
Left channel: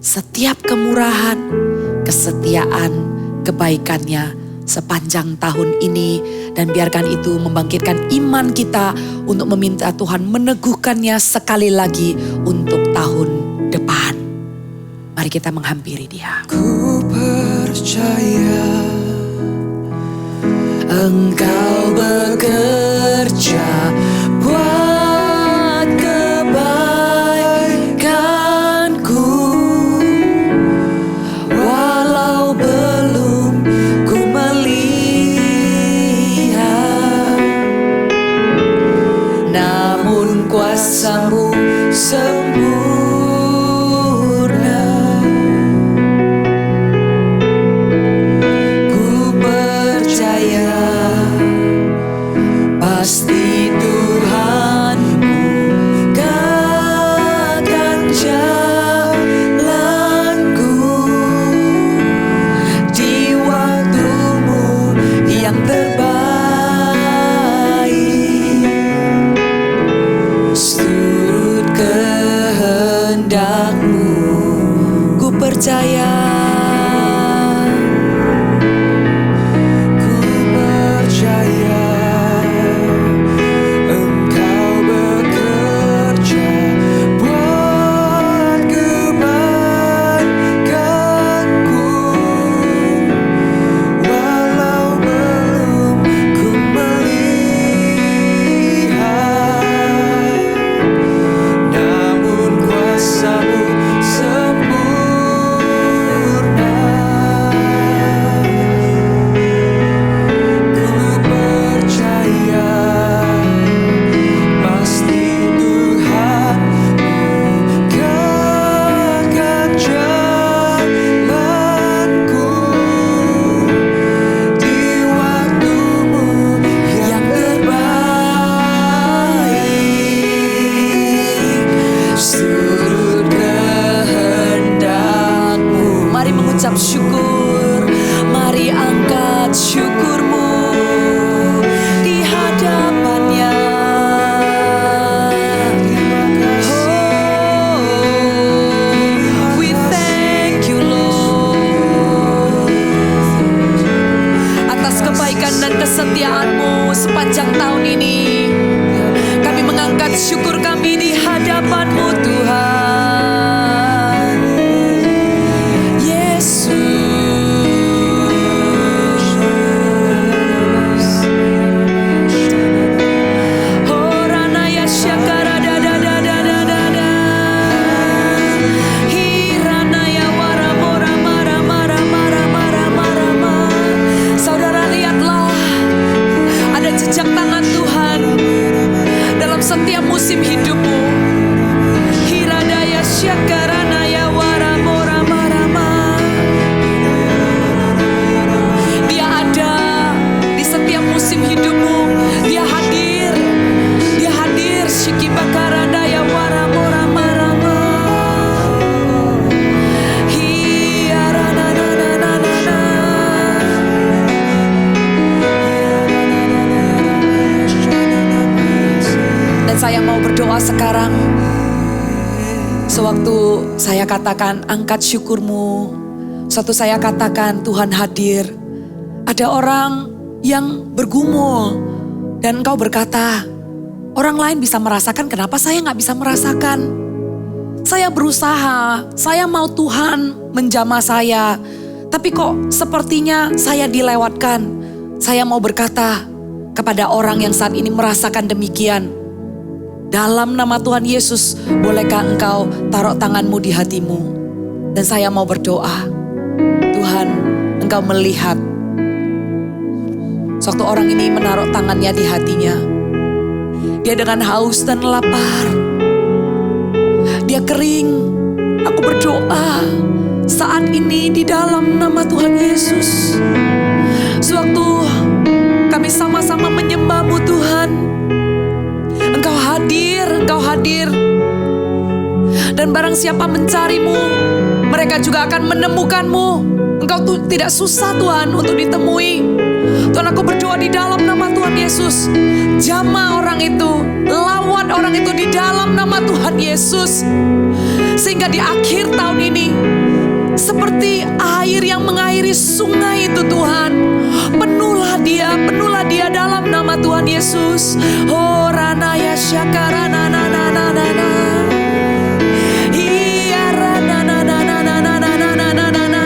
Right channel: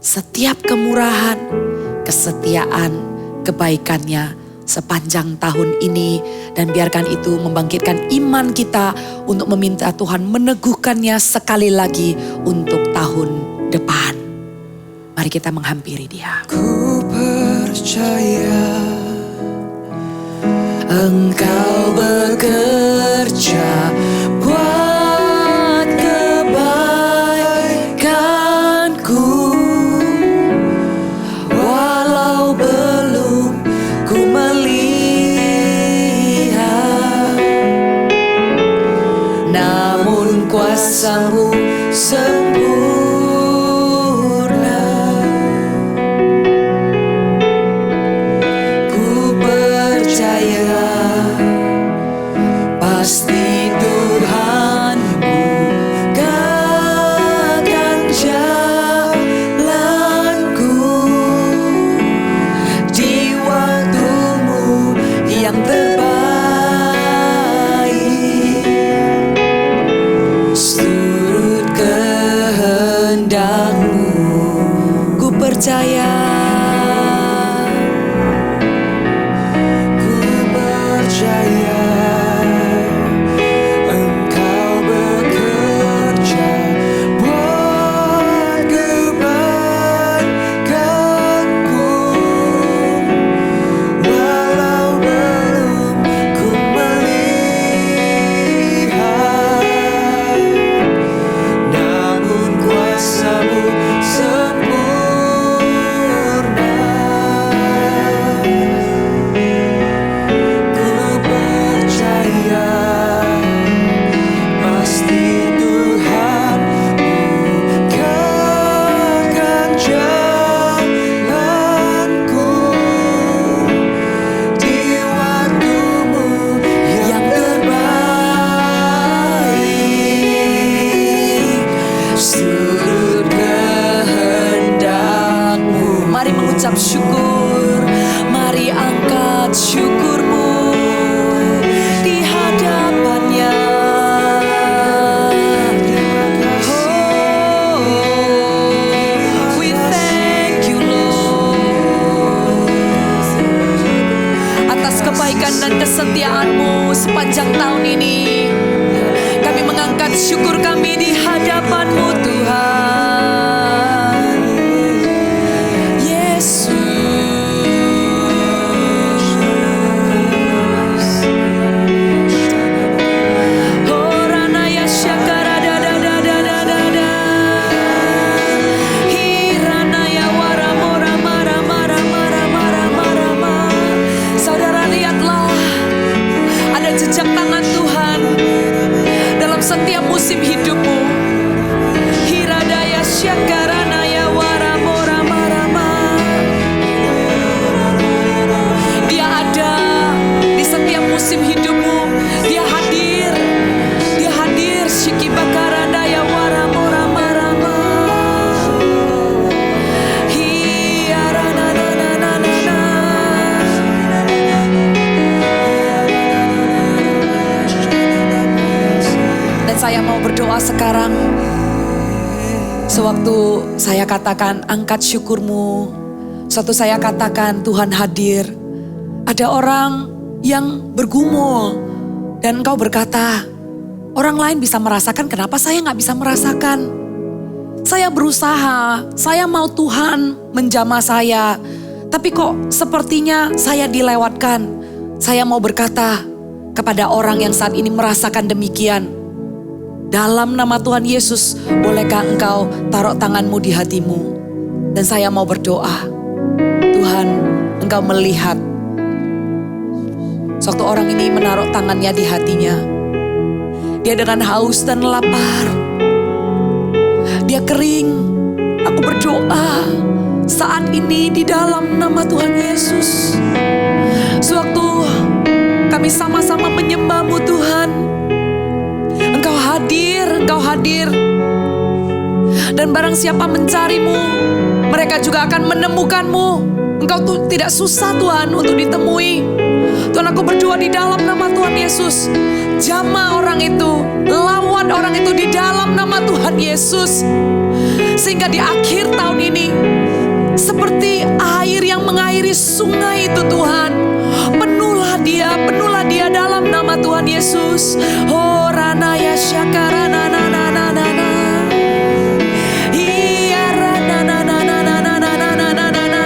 setiap kemurahan, kesetiaan, kebaikannya sepanjang tahun ini. Dan biarkan itu membangkitkan iman kita untuk meminta Tuhan meneguhkannya sekali lagi untuk tahun depan. Mari kita menghampiri Dia. Ku percaya Engkau bekerja buat kebaikanku, walau belum ku melihat, namun kuasa-Mu sempurna. Ku percaya pasti Tuhan bukakan jalanku di waktu-Mu yang terbaik. Seturut kehendak-Mu, ku percaya. Percaya Engkau bekerja buat kebaikanku, walau belum ku melihat, namun kuasa-Mu sempurna. Percaya pasti Tuhan bukakan jalanku di waktu-Mu yang terbaik. Seturut kehendak-Mu. Mari mengucap syukur, mari angkat syukur-Mu di hadapannya. Terima kasih. We thank you Lord atas kebaikan dan kesetiaan-Mu sepanjang tahun ini. Kami mengangkat syukur kami di hadapan-Mu Tuhan Yesus. Syakara da da da da da da da. Hirana ya wara mora mara mara mara mara mara ma. Saudara lihatlah, ada jejak tangan Tuhan dalam setiap musim hidupmu. Hiradaya syakarana ya wara mora mara ma. Dia ada di setiap musim hidupmu. Dia hadir Dia hadir. Shiki bakaranda ya waramora marama. Hiarana na na na na na. Dan saya mau berdoa sekarang. Sewaktu saya katakan angkat syukurmu, sewaktu saya katakan Tuhan hadir, ada orang yang bergumul dan engkau berkata, orang lain bisa merasakan, kenapa saya gak bisa merasakan? Saya berusaha, saya mau Tuhan menjamah saya, tapi kok sepertinya saya dilewatkan. Saya mau berkata kepada orang yang saat ini merasakan demikian, dalam nama Tuhan Yesus, bolehkah engkau taruh tanganmu di hatimu? Dan saya mau berdoa, Tuhan, engkau melihat. Suatu orang ini menaruh tangannya di hatinya. Dia dengan haus dan lapar. Dia kering. Aku berdoa saat ini di dalam nama Tuhan Yesus. Sewaktu kami sama-sama menyembah-Mu Tuhan, Engkau hadir, Engkau hadir. Dan barang siapa mencari-Mu, mereka juga akan menemukan-Mu. Engkau tidak susah Tuhan untuk ditemui. Tuhan, aku berdoa di dalam nama Tuhan Yesus. Jamah orang itu, lawan orang itu di dalam nama Tuhan Yesus. Sehingga di akhir tahun ini, seperti air yang mengairi sungai itu Tuhan. Penuhlah dia dalam nama Tuhan Yesus. Oh ranaya syakarana na na na na na. Iya rana na na na na na na na na na na.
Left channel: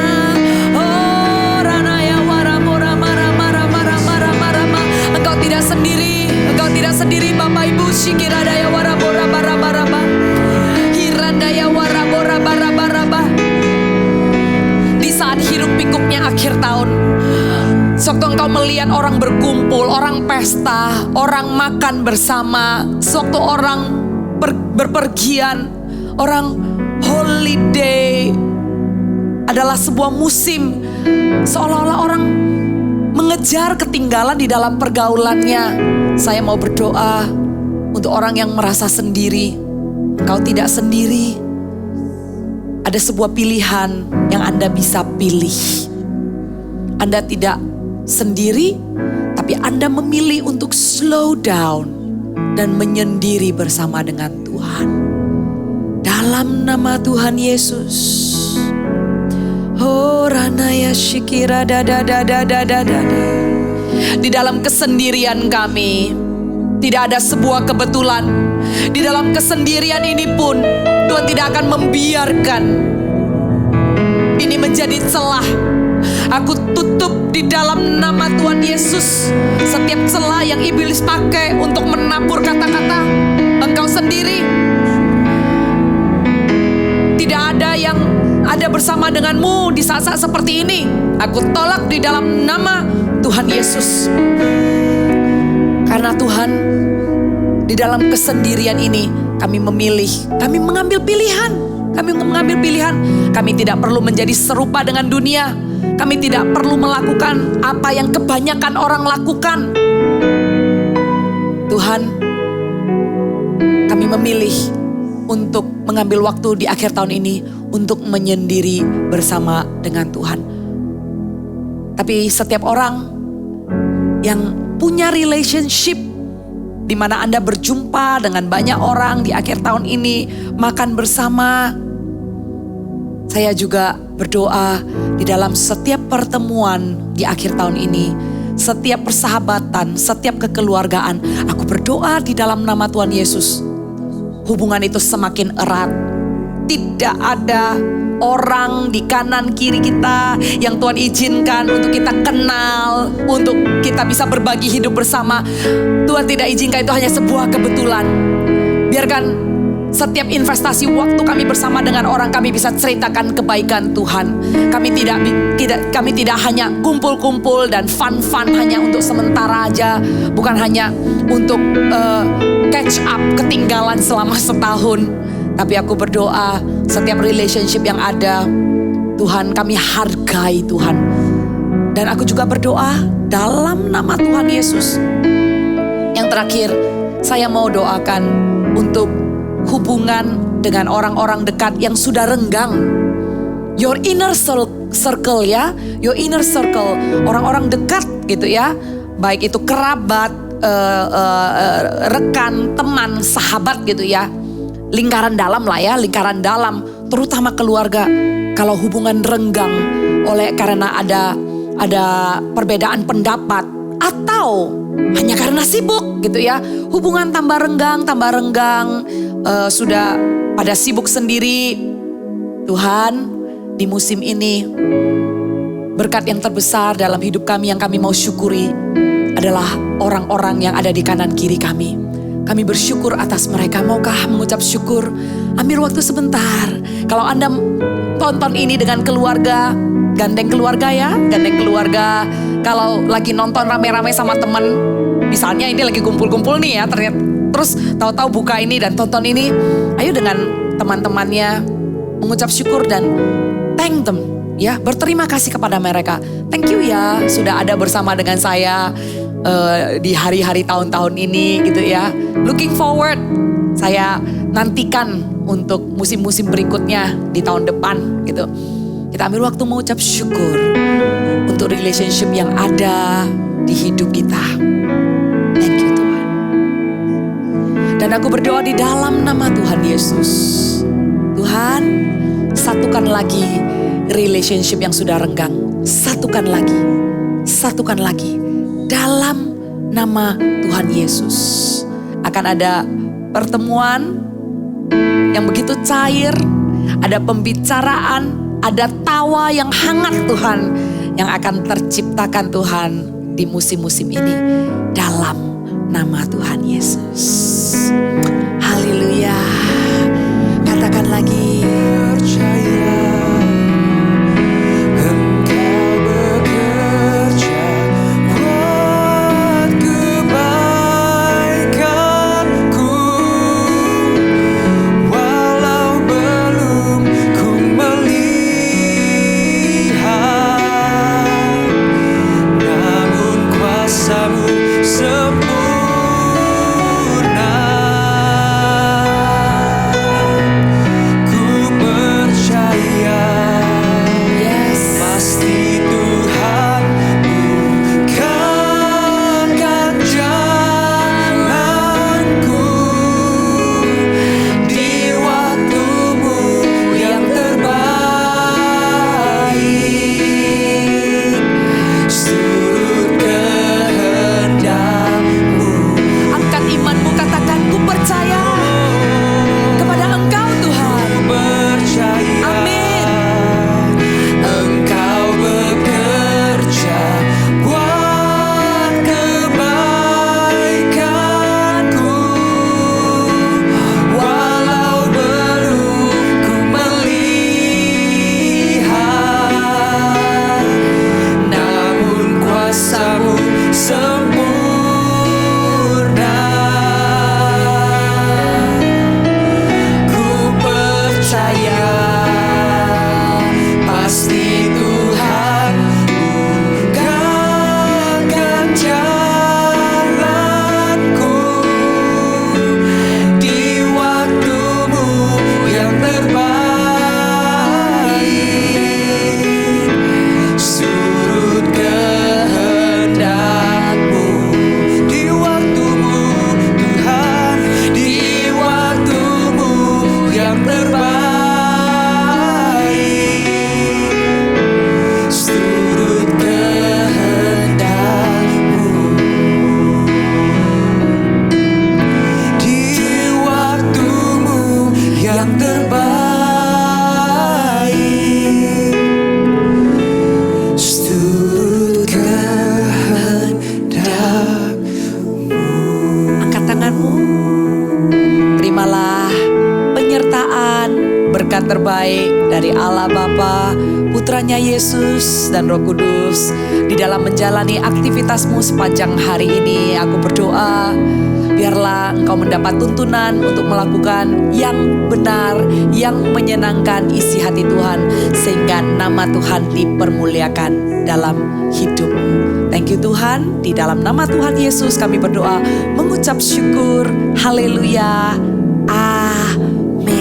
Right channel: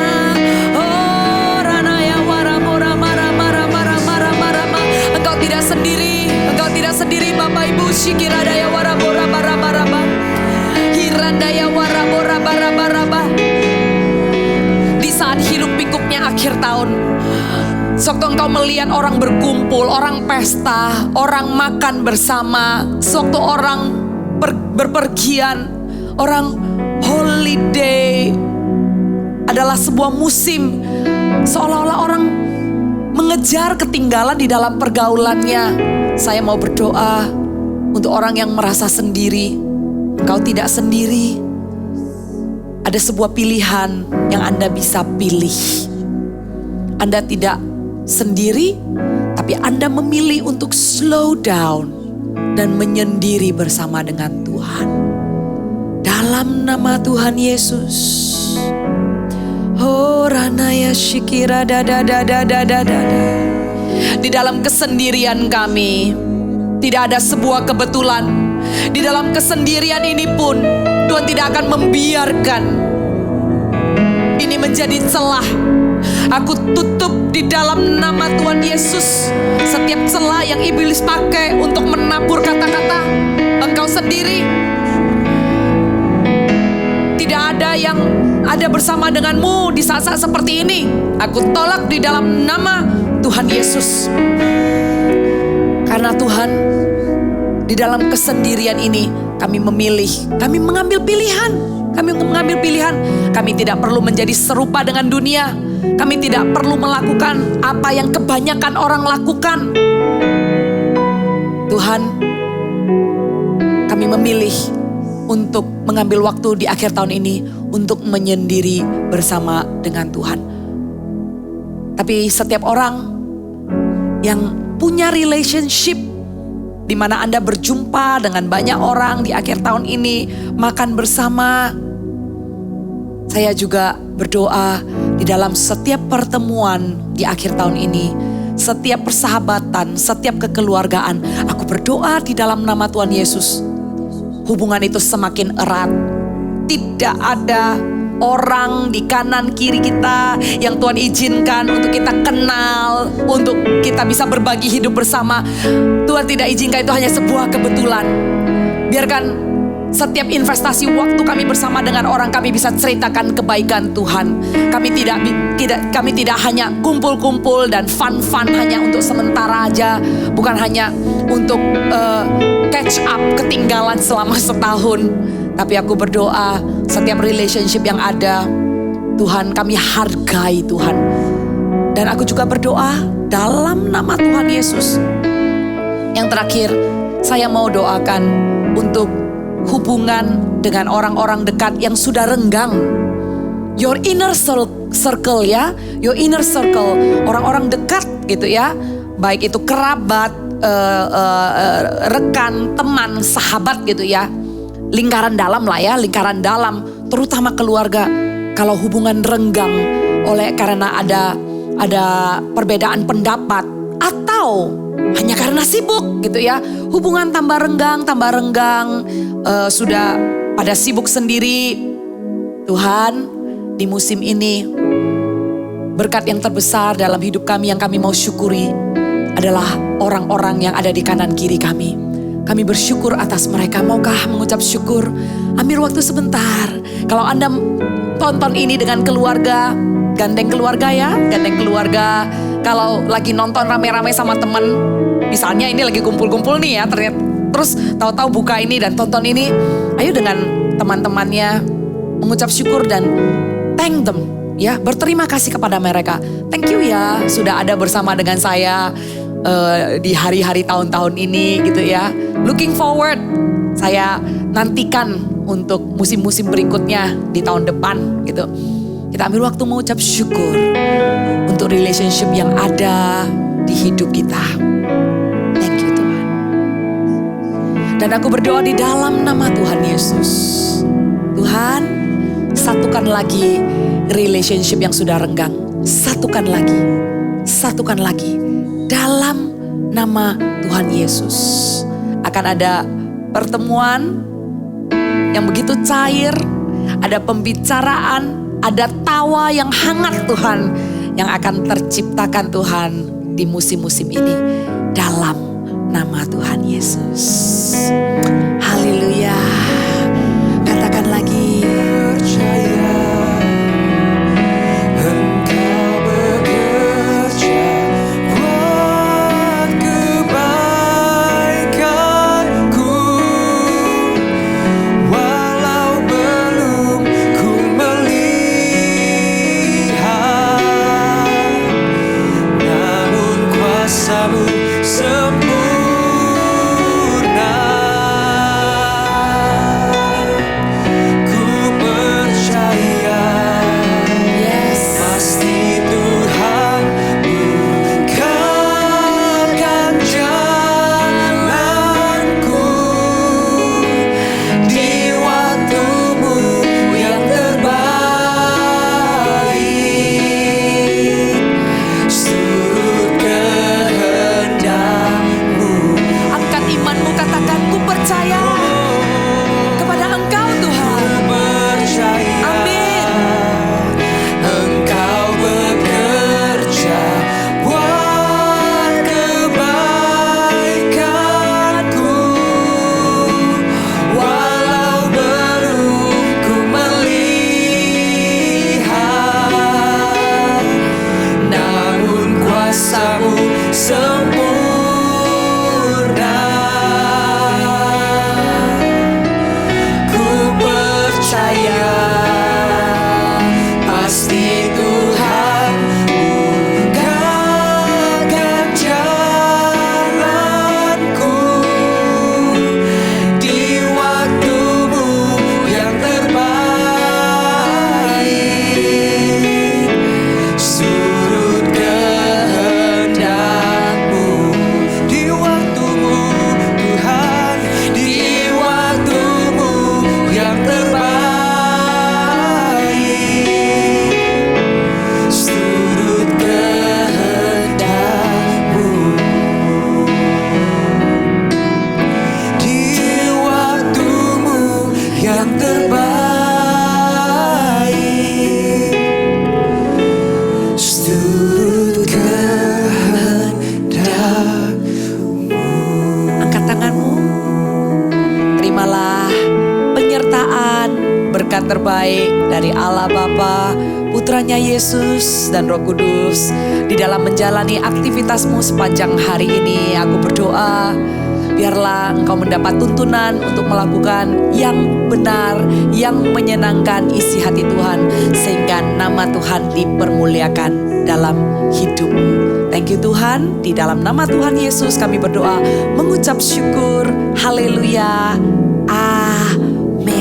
Oh ranaya waramora mara mara mara mara mara ma. Engkau tidak sendiri Bapak Ibu. Shikiradaya warabora barabaraba. Hirandaya warabora barabaraba. Di saat hiruk pikuknya akhir tahun, sewaktu engkau melihat orang berkumpul, orang pesta, orang makan bersama, sewaktu orang berpergian, orang holiday adalah sebuah musim, seolah-olah orang mengejar ketinggalan di dalam pergaulannya. Saya mau berdoa untuk orang yang merasa sendiri. Engkau tidak sendiri. Ada sebuah pilihan yang Anda bisa pilih. Anda tidak sendiri, tapi Anda memilih untuk slow down dan menyendiri bersama dengan Tuhan. Dalam nama Tuhan Yesus. Oh ranaya shikira da da da da da da da. Di dalam kesendirian kami, tidak ada sebuah kebetulan. Di dalam kesendirian ini pun, Tuhan tidak akan membiarkan ini menjadi celah. Aku tutup di dalam nama Tuhan Yesus setiap celah yang iblis pakai untuk menabur kata-kata engkau sendiri. Tidak ada yang ada bersama denganmu di saat-saat seperti ini. Aku tolak di dalam nama Tuhan Yesus. Karena Tuhan, di dalam kesendirian ini kami memilih, kami mengambil pilihan. Kami tidak perlu menjadi serupa dengan dunia. Kami tidak perlu melakukan apa yang kebanyakan orang lakukan. Tuhan, kami memilih untuk mengambil waktu di akhir tahun ini untuk menyendiri bersama dengan Tuhan. Tapi setiap orang yang punya relationship di mana Anda berjumpa dengan banyak orang di akhir tahun ini, makan bersama. Saya juga berdoa di dalam setiap pertemuan di akhir tahun ini, setiap persahabatan, setiap kekeluargaan, aku berdoa di dalam nama Tuhan Yesus. Hubungan itu semakin erat. Tidak ada orang di kanan kiri kita yang Tuhan izinkan untuk kita kenal, untuk kita bisa berbagi hidup bersama. Tuhan tidak izinkan itu hanya sebuah kebetulan. Biarkan setiap investasi waktu kami bersama dengan orang, kami bisa ceritakan kebaikan Tuhan. Kami tidak hanya kumpul-kumpul dan fun-fun hanya untuk sementara aja, bukan hanya untuk catch up ketinggalan selama setahun. Tapi aku berdoa setiap relationship yang ada, Tuhan kami hargai Tuhan. Dan aku juga berdoa dalam nama Tuhan Yesus. Yang terakhir, Saya mau doakan untuk hubungan dengan orang-orang dekat yang sudah renggang. Your inner circle ya, your inner circle, orang-orang dekat gitu ya. Baik itu kerabat, rekan, teman, sahabat gitu ya. Lingkaran dalam lah ya, lingkaran dalam, terutama keluarga. Kalau hubungan renggang karena ada perbedaan pendapat atau hanya karena sibuk gitu ya. Hubungan tambah renggang, sudah pada sibuk sendiri. Tuhan, di musim ini berkat yang terbesar dalam hidup kami yang kami mau syukuri adalah orang-orang yang ada di kanan kiri kami. Kami bersyukur atas mereka. Maukah mengucap syukur? Ambil waktu sebentar. Kalau Anda tonton ini dengan keluarga, gandeng keluarga ya, gandeng keluarga. Kalau lagi nonton rame-rame sama teman, misalnya ini lagi kumpul-kumpul nih ya, ternyata terus tahu-tahu buka ini dan tonton ini, ayo dengan teman-temannya mengucap syukur dan thank them ya, berterima kasih kepada mereka. Thank you ya sudah ada bersama dengan saya di hari-hari tahun-tahun ini gitu ya. Looking forward, saya nantikan untuk musim-musim berikutnya di tahun depan gitu. Kita ambil waktu mengucap syukur untuk relationship yang ada di hidup kita. Thank you Tuhan. Dan aku berdoa di dalam nama Tuhan Yesus. Tuhan, satukan lagi relationship yang sudah renggang. Satukan lagi. Dalam nama Tuhan Yesus. Akan ada pertemuan yang begitu cair. Ada pembicaraan, ada tawa yang hangat Tuhan. Yang akan terciptakan Tuhan di musim-musim ini. Dalam nama Tuhan Yesus. Haleluya. Katakan lagi. Percaya Engkau bekerja buat kebaikanku, walau belum ku melihat, namun kuasa-Mu sempurna. Ku percaya, Yes. pasti Tuhan bukakan jalanku di waktu-Mu yang terbaik. Surut kehendak-Mu. Angkat imanmu, katakan ku percaya kepada Engkau Tuhan. Ku percaya. Amin. Engkau bekerja buat kebaikanku, walau belum ku melihat, namun kuasa-Mu sempurna. Ku percaya, pasti Tuhan bukakan jalanku di waktu-Mu yang terbaik. Surut kehendak-Mu di waktu-Mu Tuhan, di waktu-Mu yang terbaik. Surut kehendak-Mu di waktu-Mu yang terbaik. Surut kehendak-Mu. Angkat tanganmu. Terimalah penyertaan berkat terbaik dari Allah Bapa, Putranya Yesus dan Roh Kudus di dalam menjalani aktivitasmu sepanjang hari ini. Aku berdoa biarlah engkau mendapat tuntunan untuk melakukan yang benar, yang menyenangkan isi hati Tuhan, sehingga nama Tuhan dipermuliakan dalam hidupmu, Thank you Tuhan, di dalam nama Tuhan Yesus kami berdoa mengucap syukur. Haleluya. Amin.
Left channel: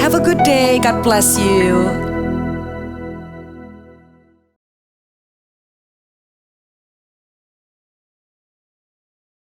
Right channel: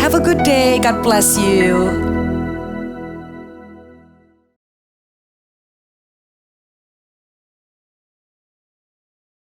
Have a good day, God bless you.